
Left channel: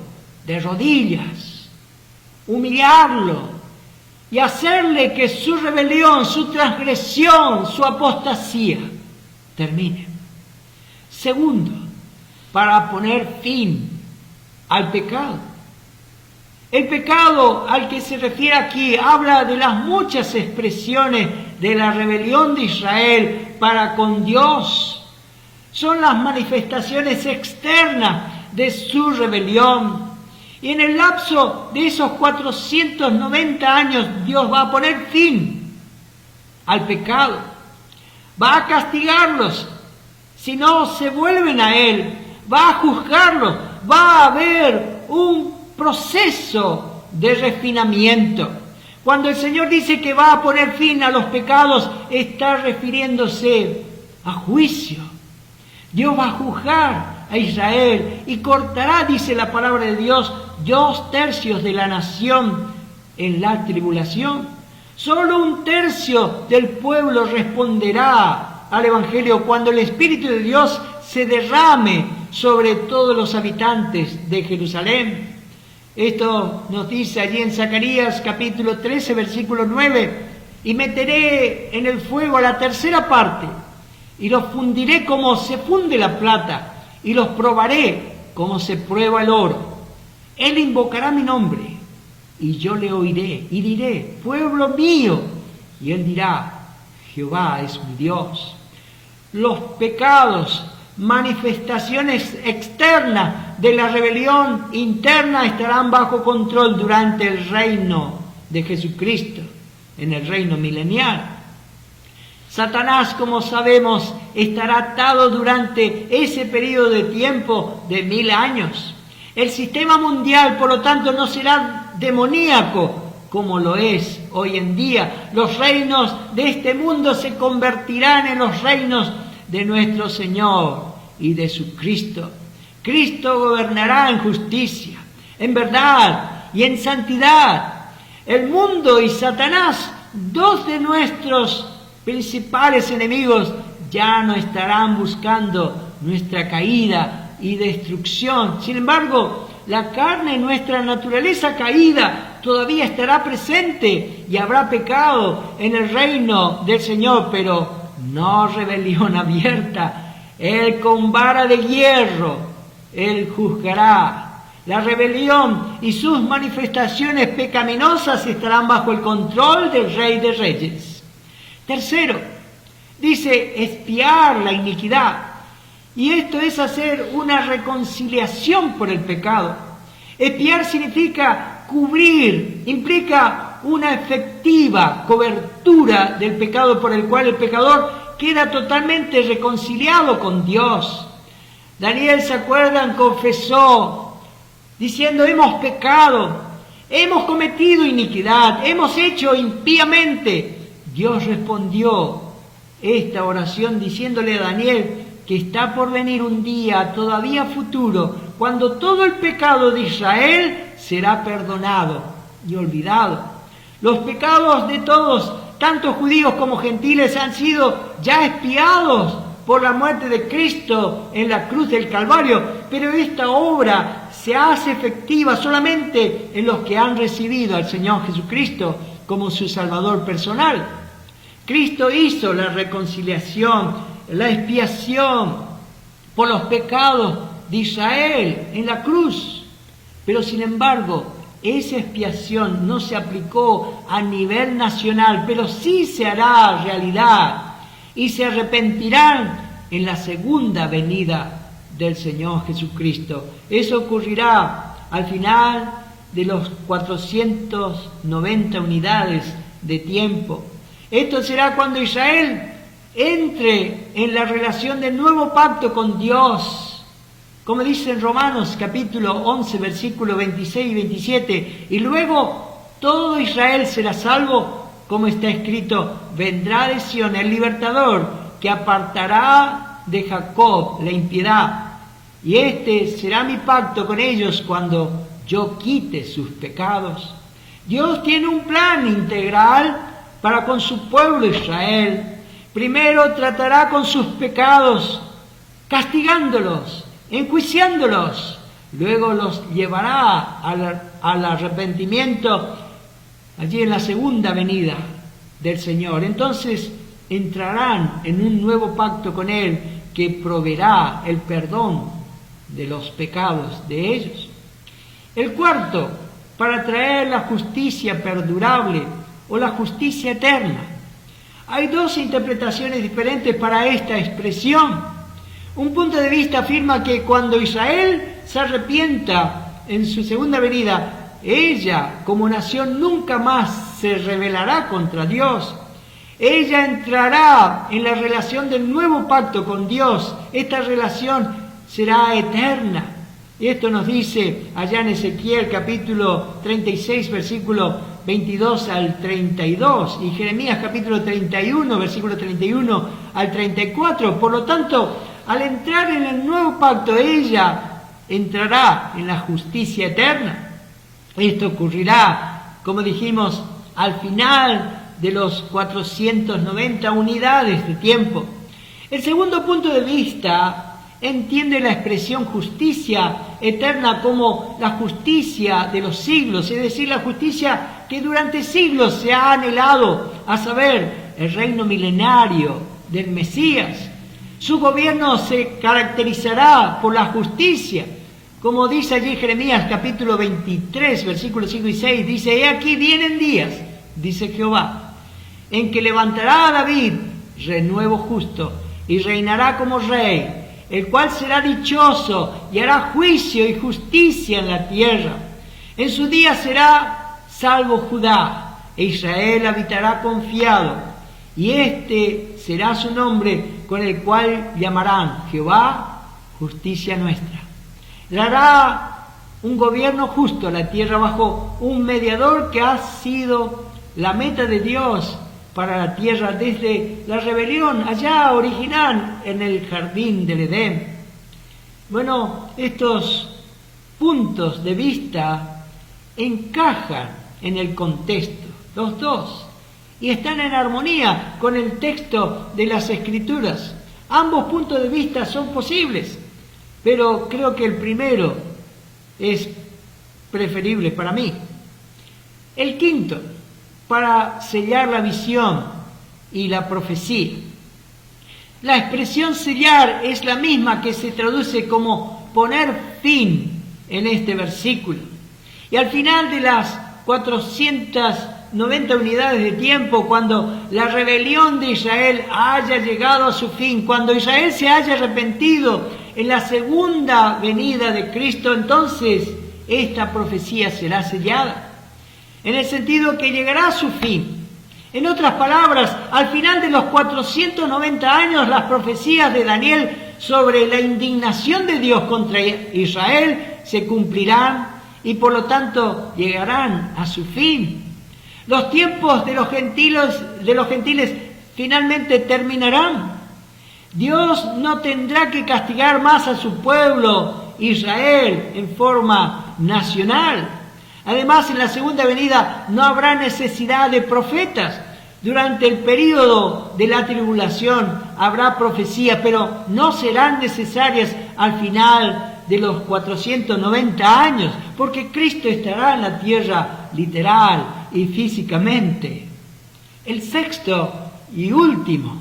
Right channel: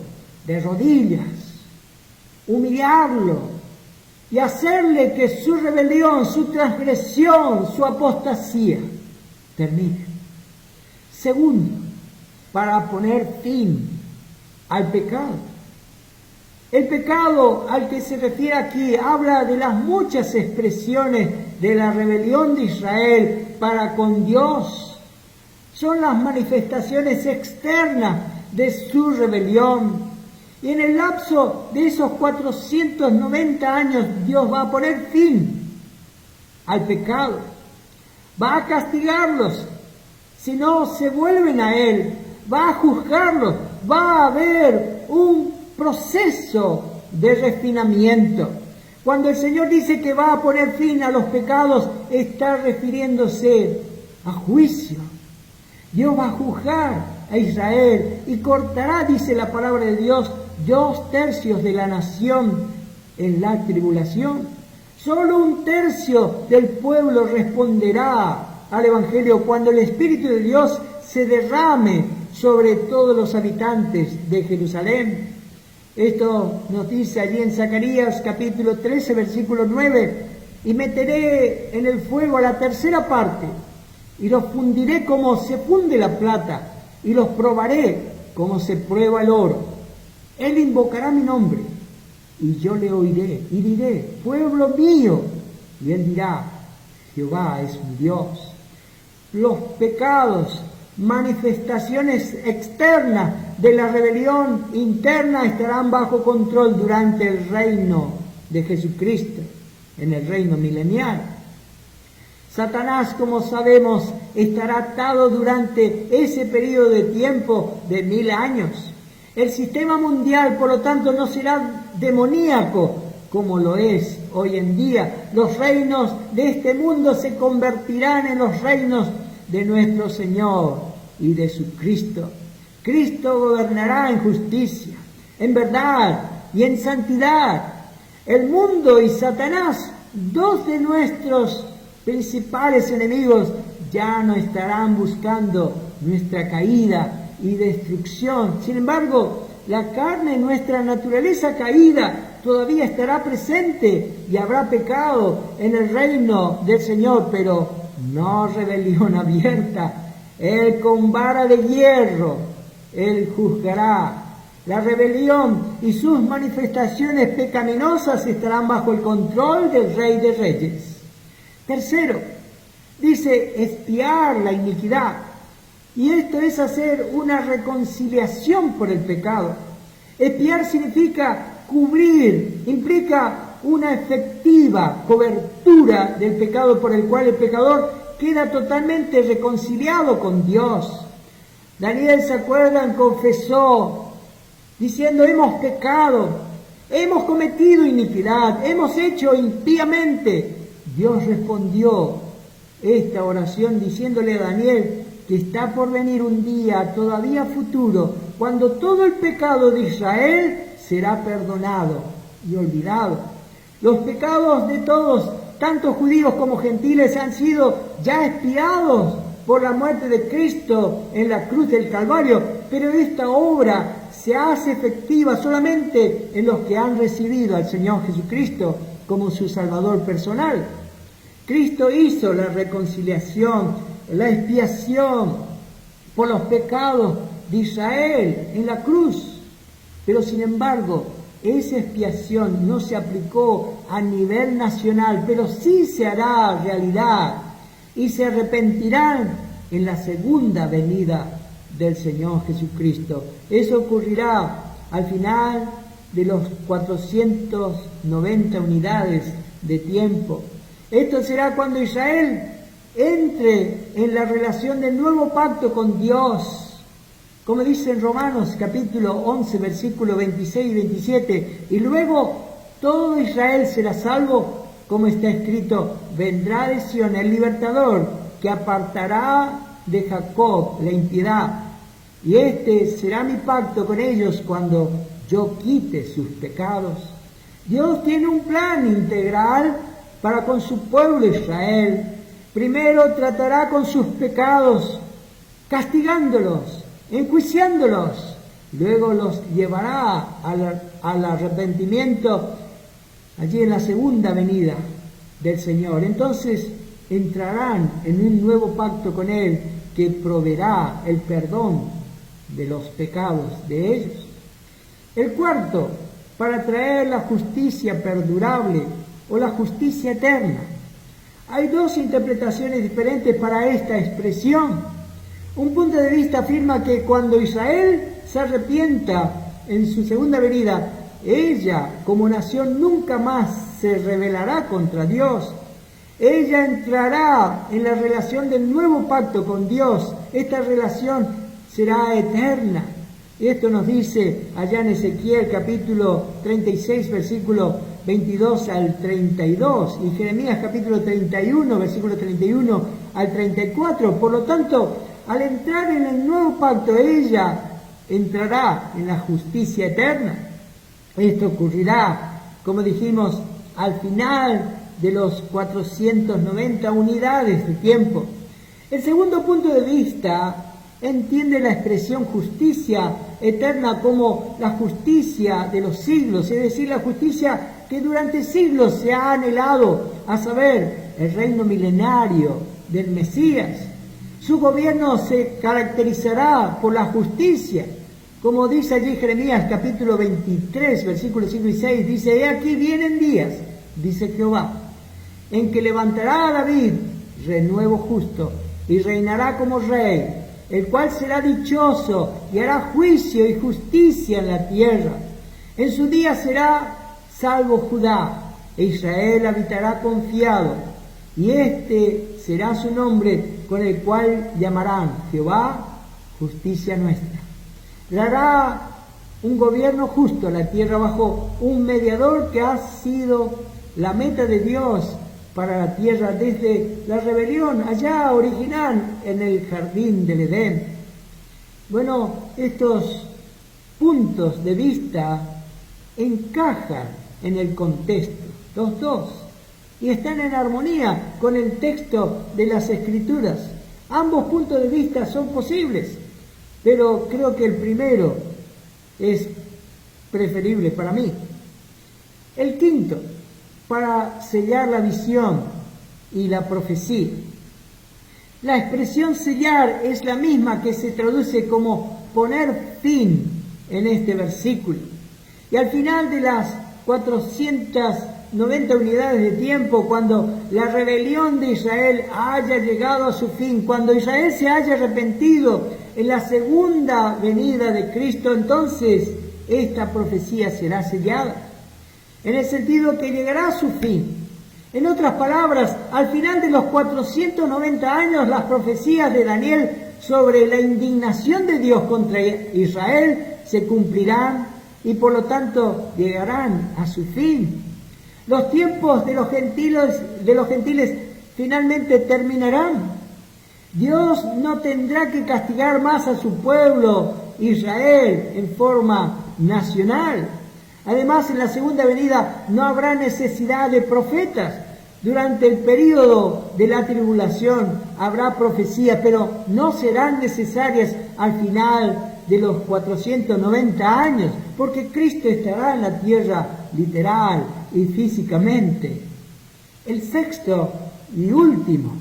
de rodillas, humillarlo y hacerle que su rebelión, su transgresión, su apostasía termine. Segundo, para poner fin al pecado. El pecado al que se refiere aquí habla de las muchas expresiones de la rebelión de Israel para con Dios. Son las manifestaciones externas de su rebelión. Y en el lapso de esos 490 años Dios va a poner fin al pecado. Va a castigarlos si no se vuelven a Él. Va a juzgarlos. Va a haber un proceso de refinamiento. Cuando el Señor dice que va a poner fin a los pecados, está refiriéndose a juicio. Dios va a juzgar a Israel y cortará, dice la palabra de Dios, 2/3 de la nación en la tribulación. Solo 1/3 del pueblo responderá al Evangelio cuando el Espíritu de Dios se derrame sobre todos los habitantes de Jerusalén. Esto nos dice allí en Zacarías capítulo 13, versículo 9, y meteré en el fuego a la 1/3 parte, y los fundiré como se funde la plata, y los probaré como se prueba el oro. Él invocará mi nombre, y yo le oiré, y diré, pueblo mío, y él dirá, Jehová es mi Dios. Los pecados, manifestaciones externas de la rebelión interna estarán bajo control durante el reino de Jesucristo, en el reino milenial. Satanás, como sabemos, estará atado durante ese periodo de tiempo de 1000 años. El sistema mundial, por lo tanto, no será demoníaco como lo es hoy en día. Los reinos de este mundo se convertirán en los reinos de nuestro Señor y de su Cristo. Cristo gobernará en justicia, en verdad y en santidad. El mundo y Satanás, dos de nuestros principales enemigos, ya no estarán buscando nuestra caída y destrucción. Sin embargo, la carne, nuestra naturaleza caída, todavía estará presente y habrá pecado en el reino del Señor, pero no rebelión abierta. Él con vara de hierro, Él juzgará. La rebelión y sus manifestaciones pecaminosas estarán bajo el control del Rey de Reyes. Tercero, dice expiar la iniquidad. Y esto es hacer una reconciliación por el pecado. Expiar significa cubrir, implica una efectiva cobertura del pecado por el cual el pecador queda totalmente reconciliado con Dios. Daniel, ¿se acuerdan? Confesó, diciendo, hemos pecado, hemos cometido iniquidad, hemos hecho impíamente. Dios respondió esta oración diciéndole a Daniel que está por venir un día todavía futuro, cuando todo el pecado de Israel será perdonado y olvidado. Los pecados de todos, tanto judíos como gentiles, han sido ya expiados por la muerte de Cristo en la cruz del Calvario, pero esta obra se hace efectiva solamente en los que han recibido al Señor Jesucristo como su Salvador personal. Cristo hizo la reconciliación, la expiación por los pecados de Israel en la cruz. Pero sin embargo, esa expiación no se aplicó a nivel nacional, pero sí se hará realidad y se arrepentirán en la segunda venida del Señor Jesucristo. Eso ocurrirá al final de los 490 unidades de tiempo. Esto será cuando Israel entre en la relación del nuevo pacto con Dios, como dice en Romanos capítulo 11, versículos 26 y 27, y luego todo Israel será salvo, como está escrito: vendrá de Sión el libertador, que apartará de Jacob la impiedad, y este será mi pacto con ellos cuando yo quite sus pecados. Dios tiene un plan integral para con su pueblo Israel. Primero tratará con sus pecados, castigándolos, enjuiciándolos. Luego los llevará al arrepentimiento allí en la segunda venida del Señor. Entonces entrarán en un nuevo pacto con Él que proveerá el perdón de los pecados de ellos. El cuarto, para traer la justicia perdurable o la justicia eterna. Hay dos interpretaciones diferentes para esta expresión. Un punto de vista afirma que cuando Israel se arrepienta en su segunda venida, ella como nación nunca más se rebelará contra Dios. Ella entrará en la relación del nuevo pacto con Dios. Esta relación será eterna. Esto nos dice allá en Ezequiel capítulo 36, versículo 22 al 32, y Jeremías capítulo 31, versículo 31 al 34. Por lo tanto, al entrar en el nuevo pacto, ella entrará en la justicia eterna. Esto ocurrirá, como dijimos, al final de los 490 unidades de tiempo. El segundo punto de vista entiende la expresión justicia eterna como la justicia de los siglos, es decir, la justicia que durante siglos se ha anhelado, a saber, el reino milenario del Mesías. Su gobierno se caracterizará por la justicia, como dice allí Jeremías capítulo 23, versículos 5 y 6, dice: he aquí vienen días, dice Jehová, en que levantará a David renuevo justo y reinará como rey, el cual será dichoso y hará juicio y justicia en la tierra. En su día será salvo Judá, e Israel habitará confiado, y este será su nombre, con el cual llamarán Jehová, justicia nuestra. Dará un gobierno justo a la tierra bajo un mediador que ha sido la meta de Dios para la tierra desde la rebelión allá original en el jardín del Edén. Bueno, estos puntos de vista encajan en el contexto, los dos, y están en armonía con el texto de las Escrituras. Ambos puntos de vista son posibles, pero creo que el primero es preferible para mí. El quinto, para sellar la visión y la profecía. La expresión sellar es la misma que se traduce como poner fin en este versículo. Y al final de las 490 unidades de tiempo, cuando la rebelión de Israel haya llegado a su fin, cuando Israel se haya arrepentido en la segunda venida de Cristo, entonces esta profecía será sellada, en el sentido que llegará a su fin. En otras palabras, al final de los 490 años, las profecías de Daniel sobre la indignación de Dios contra Israel se cumplirán y por lo tanto llegarán a su fin. Los tiempos de los gentiles finalmente terminarán. Dios no tendrá que castigar más a su pueblo Israel en forma nacional. Además, en la segunda venida no habrá necesidad de profetas. Durante el período de la tribulación habrá profecía, pero no serán necesarias al final de los 490 años, porque Cristo estará en la tierra literal y físicamente. El sexto y último,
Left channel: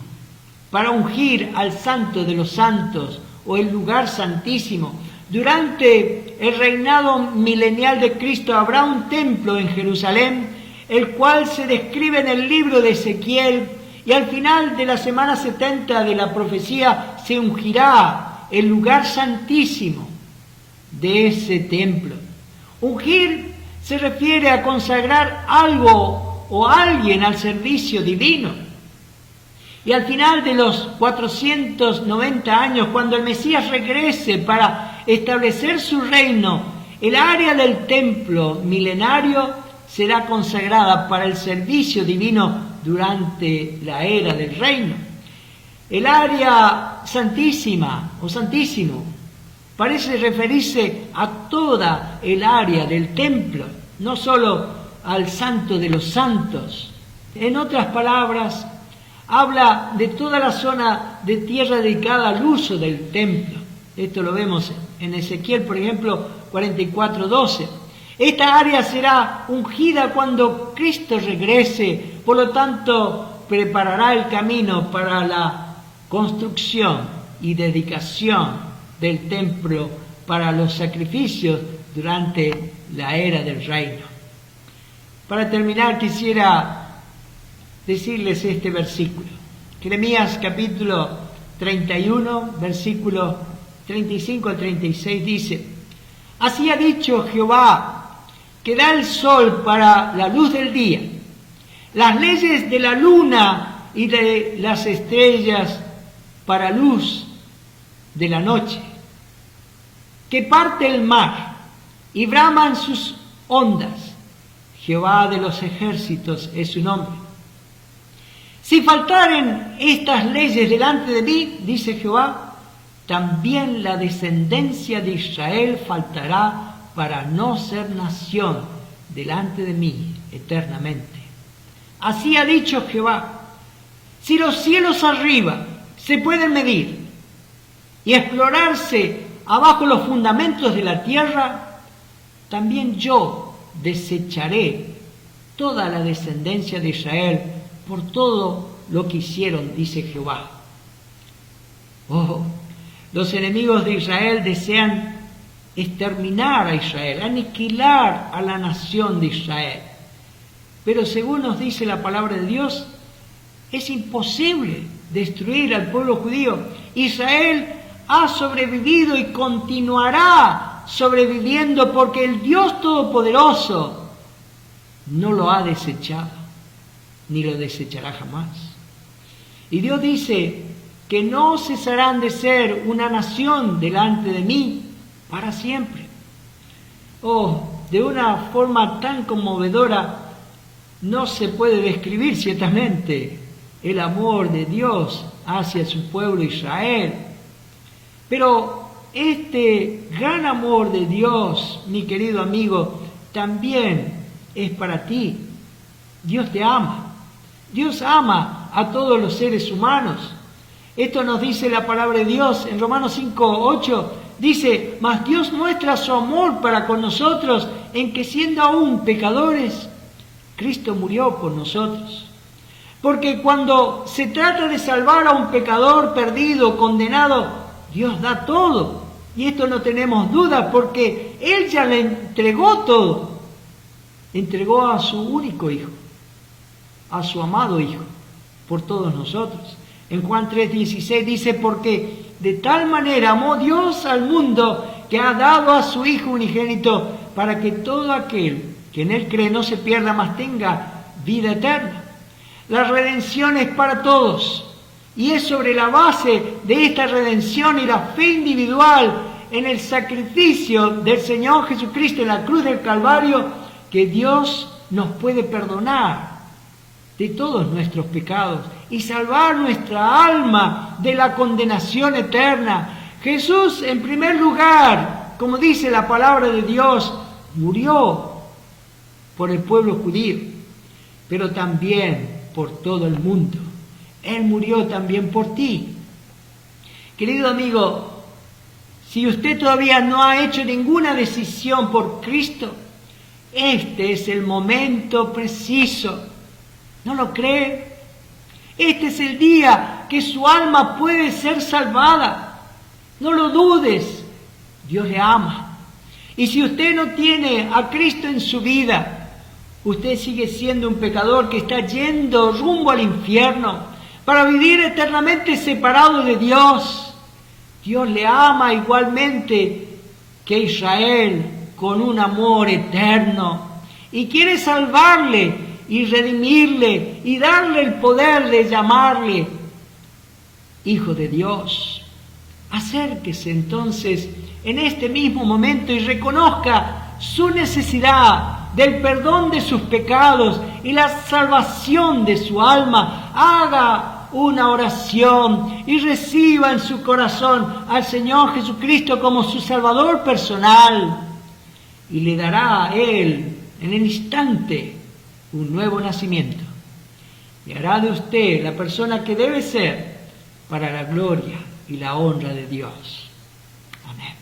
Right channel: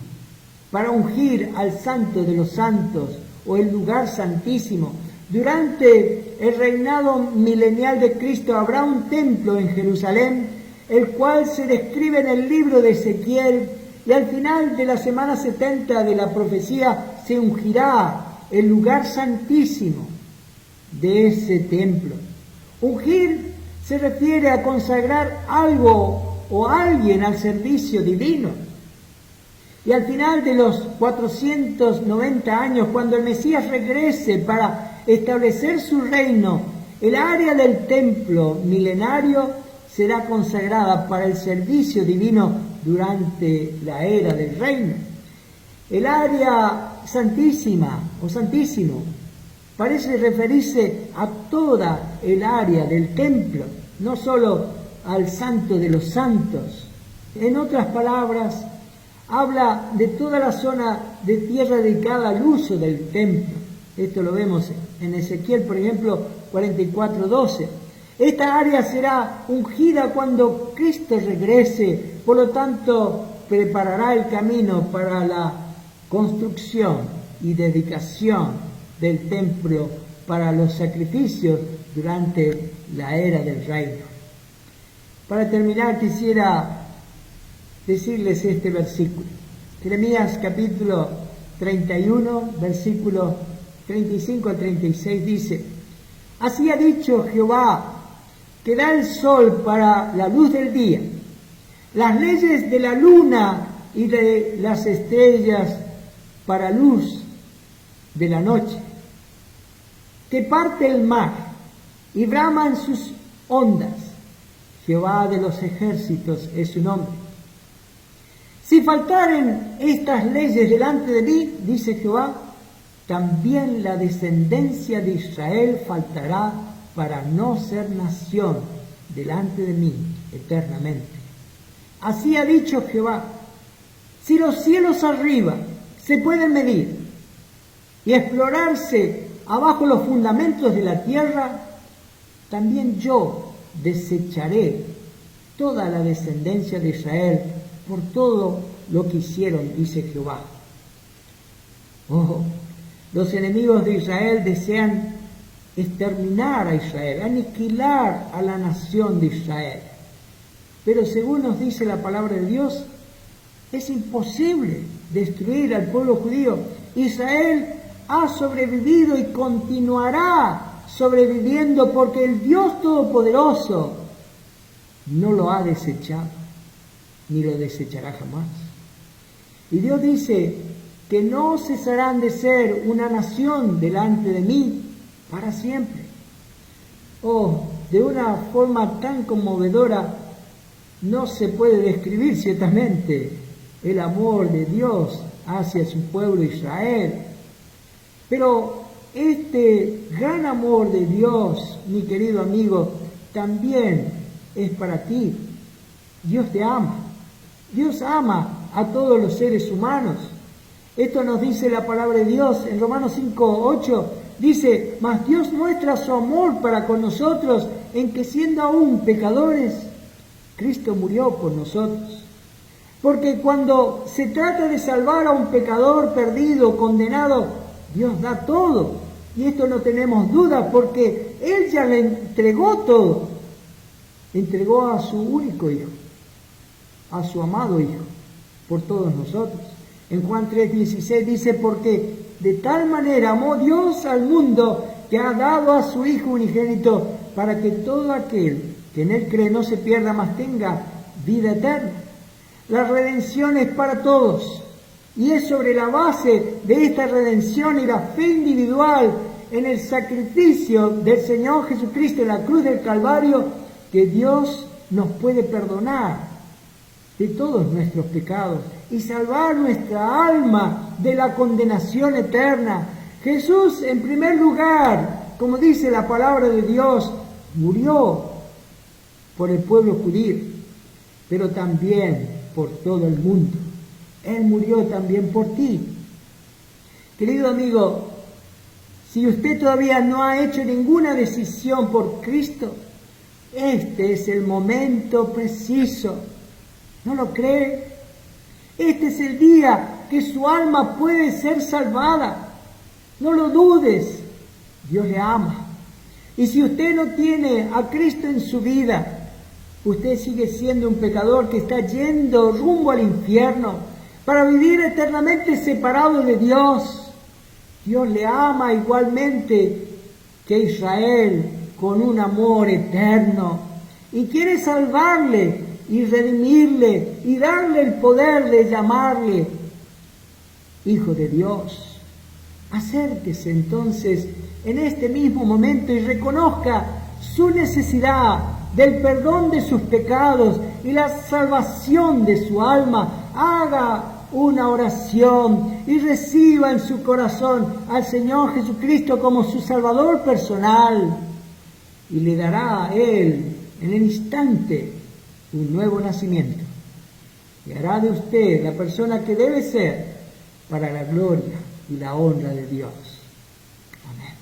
para ungir al Santo de los Santos o el lugar santísimo, Durante el reinado milenial de Cristo habrá un templo en Jerusalén, el cual se describe en el libro de Ezequiel, y al final de la semana 70 de la profecía se ungirá el lugar santísimo de ese templo. Ungir se refiere a consagrar algo o alguien al servicio divino. Y al final de los 490 años, cuando el Mesías regrese para establecer su reino, el área del templo milenario será consagrada para el servicio divino durante la era del reino. El área santísima o santísimo parece referirse a toda el área del templo, no solo al santo de los santos. En otras palabras, habla de toda la zona de tierra dedicada al uso del templo. Esto lo vemos en Ezequiel, por ejemplo, 44:12. Esta área será ungida cuando Cristo regrese, por lo tanto, preparará el camino para la construcción y dedicación del templo para los sacrificios durante la era del reino. Para terminar, quisiera decirles este versículo. Jeremías capítulo 31, versículos 35 al 36 dice: Así ha dicho Jehová, que da el sol para la luz del día, las leyes de la luna y de las estrellas para luz de la noche, que parte el mar y braman sus ondas. Jehová de los ejércitos es su nombre. Si faltaren estas leyes delante de mí, dice Jehová, también la descendencia de Israel faltará para no ser nación delante de mí eternamente. Así ha dicho Jehová: si los cielos arriba se pueden medir y explorarse abajo los fundamentos de la tierra, también yo desecharé toda la descendencia de Israel por todo lo que hicieron, dice Jehová. Oh, los enemigos de Israel desean exterminar a Israel, aniquilar a la nación de Israel. Pero según nos dice la palabra de Dios, es imposible destruir al pueblo judío. Israel ha sobrevivido y continuará sobreviviendo porque el Dios Todopoderoso no lo ha desechado, ni lo desechará jamás. Y Dios dice que no cesarán de ser una nación delante de mí para siempre. Oh, de una forma tan conmovedora no se puede describir ciertamente el amor de Dios hacia su pueblo Israel. Pero este gran amor de Dios, mi querido amigo, también es para ti. Dios te ama. Dios ama a todos los seres humanos. Esto nos dice la palabra de Dios en Romanos 5:8. Dice: mas Dios muestra su amor para con nosotros en que, siendo aún pecadores, Cristo murió por nosotros. Porque cuando se trata de salvar a un pecador perdido, condenado, Dios da todo. Y esto no tenemos duda, porque Él ya le entregó todo. Entregó a su único Hijo, a su amado Hijo, por todos nosotros. En Juan 3:16 dice: porque de tal manera amó Dios al mundo, que ha dado a su Hijo unigénito, para que todo aquel que en Él cree no se pierda, mas tenga vida eterna. La redención es para todos, y es sobre la base de esta redención y la fe individual en el sacrificio del Señor Jesucristo en la cruz del Calvario que Dios nos puede perdonar de todos nuestros pecados y salvar nuestra alma de la condenación eterna. Jesús, en primer lugar, como dice la palabra de Dios, murió por el pueblo judío, pero también por todo el mundo. Él murió también por ti. Querido amigo, si usted todavía no ha hecho ninguna decisión por Cristo, este es el momento preciso. ¿No lo cree? Este es el día que su alma puede ser salvada. No lo dudes. Dios le ama. Y si usted no tiene a Cristo en su vida, usted sigue siendo un pecador que está yendo rumbo al infierno para vivir eternamente separado de Dios. Dios le ama igualmente que Israel con un amor eterno y quiere salvarle y redimirle y darle el poder de llamarle Hijo de Dios. Acérquese entonces en este mismo momento y reconozca su necesidad del perdón de sus pecados y la salvación de su alma. Haga una oración y reciba en su corazón al Señor Jesucristo como su Salvador personal, y le dará a Él en el instante un nuevo nacimiento y hará de usted la persona que debe ser para la gloria y la honra de Dios. Amén.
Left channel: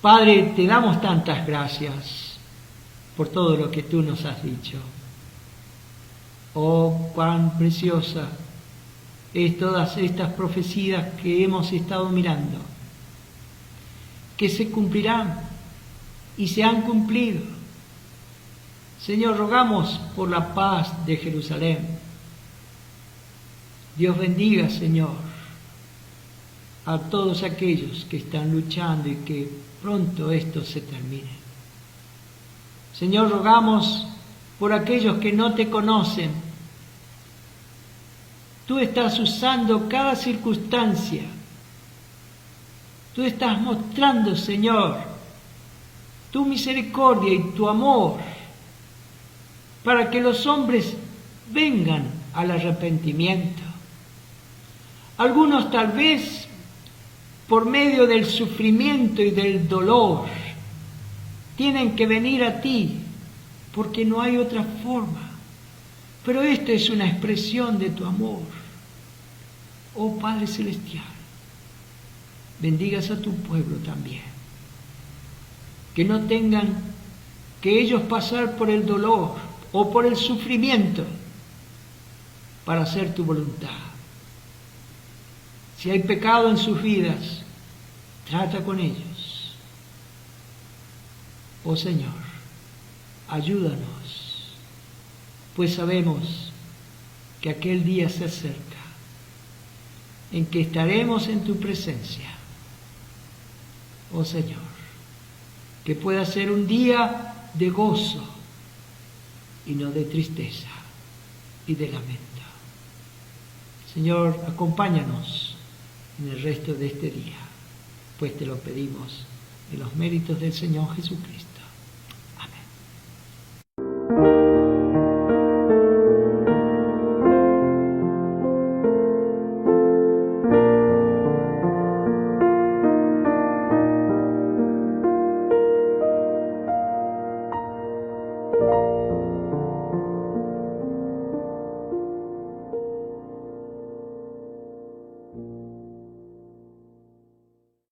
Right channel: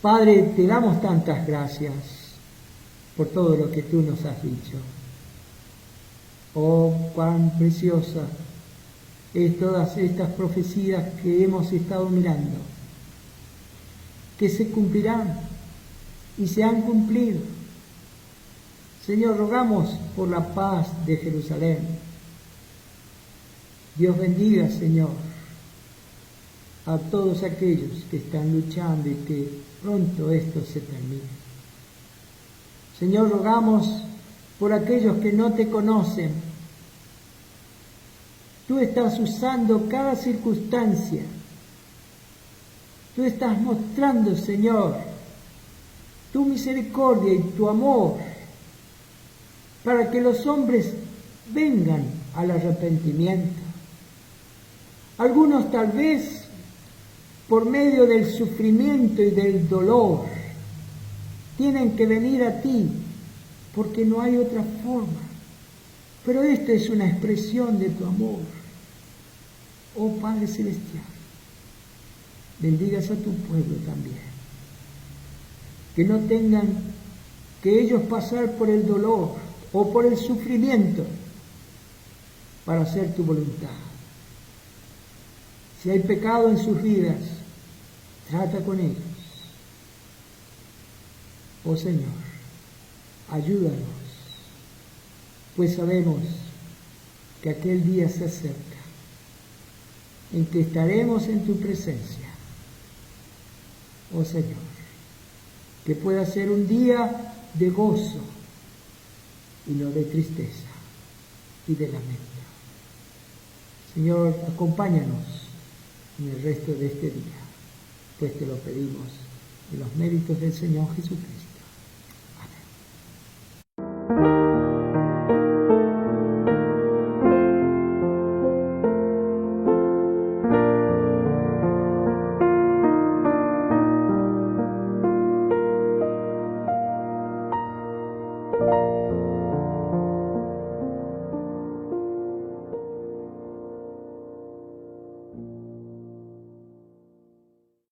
Padre, te damos tantas gracias por todo lo que tú nos has dicho. Oh, cuán preciosa es todas estas profecías que hemos estado mirando, que se cumplirán y se han cumplido. Señor, rogamos por la paz de Jerusalén. Dios bendiga, Señor, a todos aquellos que están luchando y que pronto esto se termine. Señor, rogamos por aquellos que no te conocen. Tú estás usando cada circunstancia. Tú estás mostrando, Señor, tu misericordia y tu amor para que los hombres vengan al arrepentimiento. Algunos tal vez por medio del sufrimiento y del dolor tienen que venir a ti porque no hay otra forma. Pero esto es una expresión de tu amor. Oh Padre Celestial, bendigas a tu pueblo también. Que no tengan que ellos pasar por el dolor o por el sufrimiento para hacer tu voluntad. Si hay pecado en sus vidas, trata con ellos. Oh Señor, ayúdanos, pues sabemos que aquel día se acerca en que estaremos en tu presencia. Oh Señor, que pueda ser un día de gozo y no de tristeza y de lamento. Señor, acompáñanos en el resto de este día, pues te lo pedimos en los méritos del Señor Jesucristo. Amén.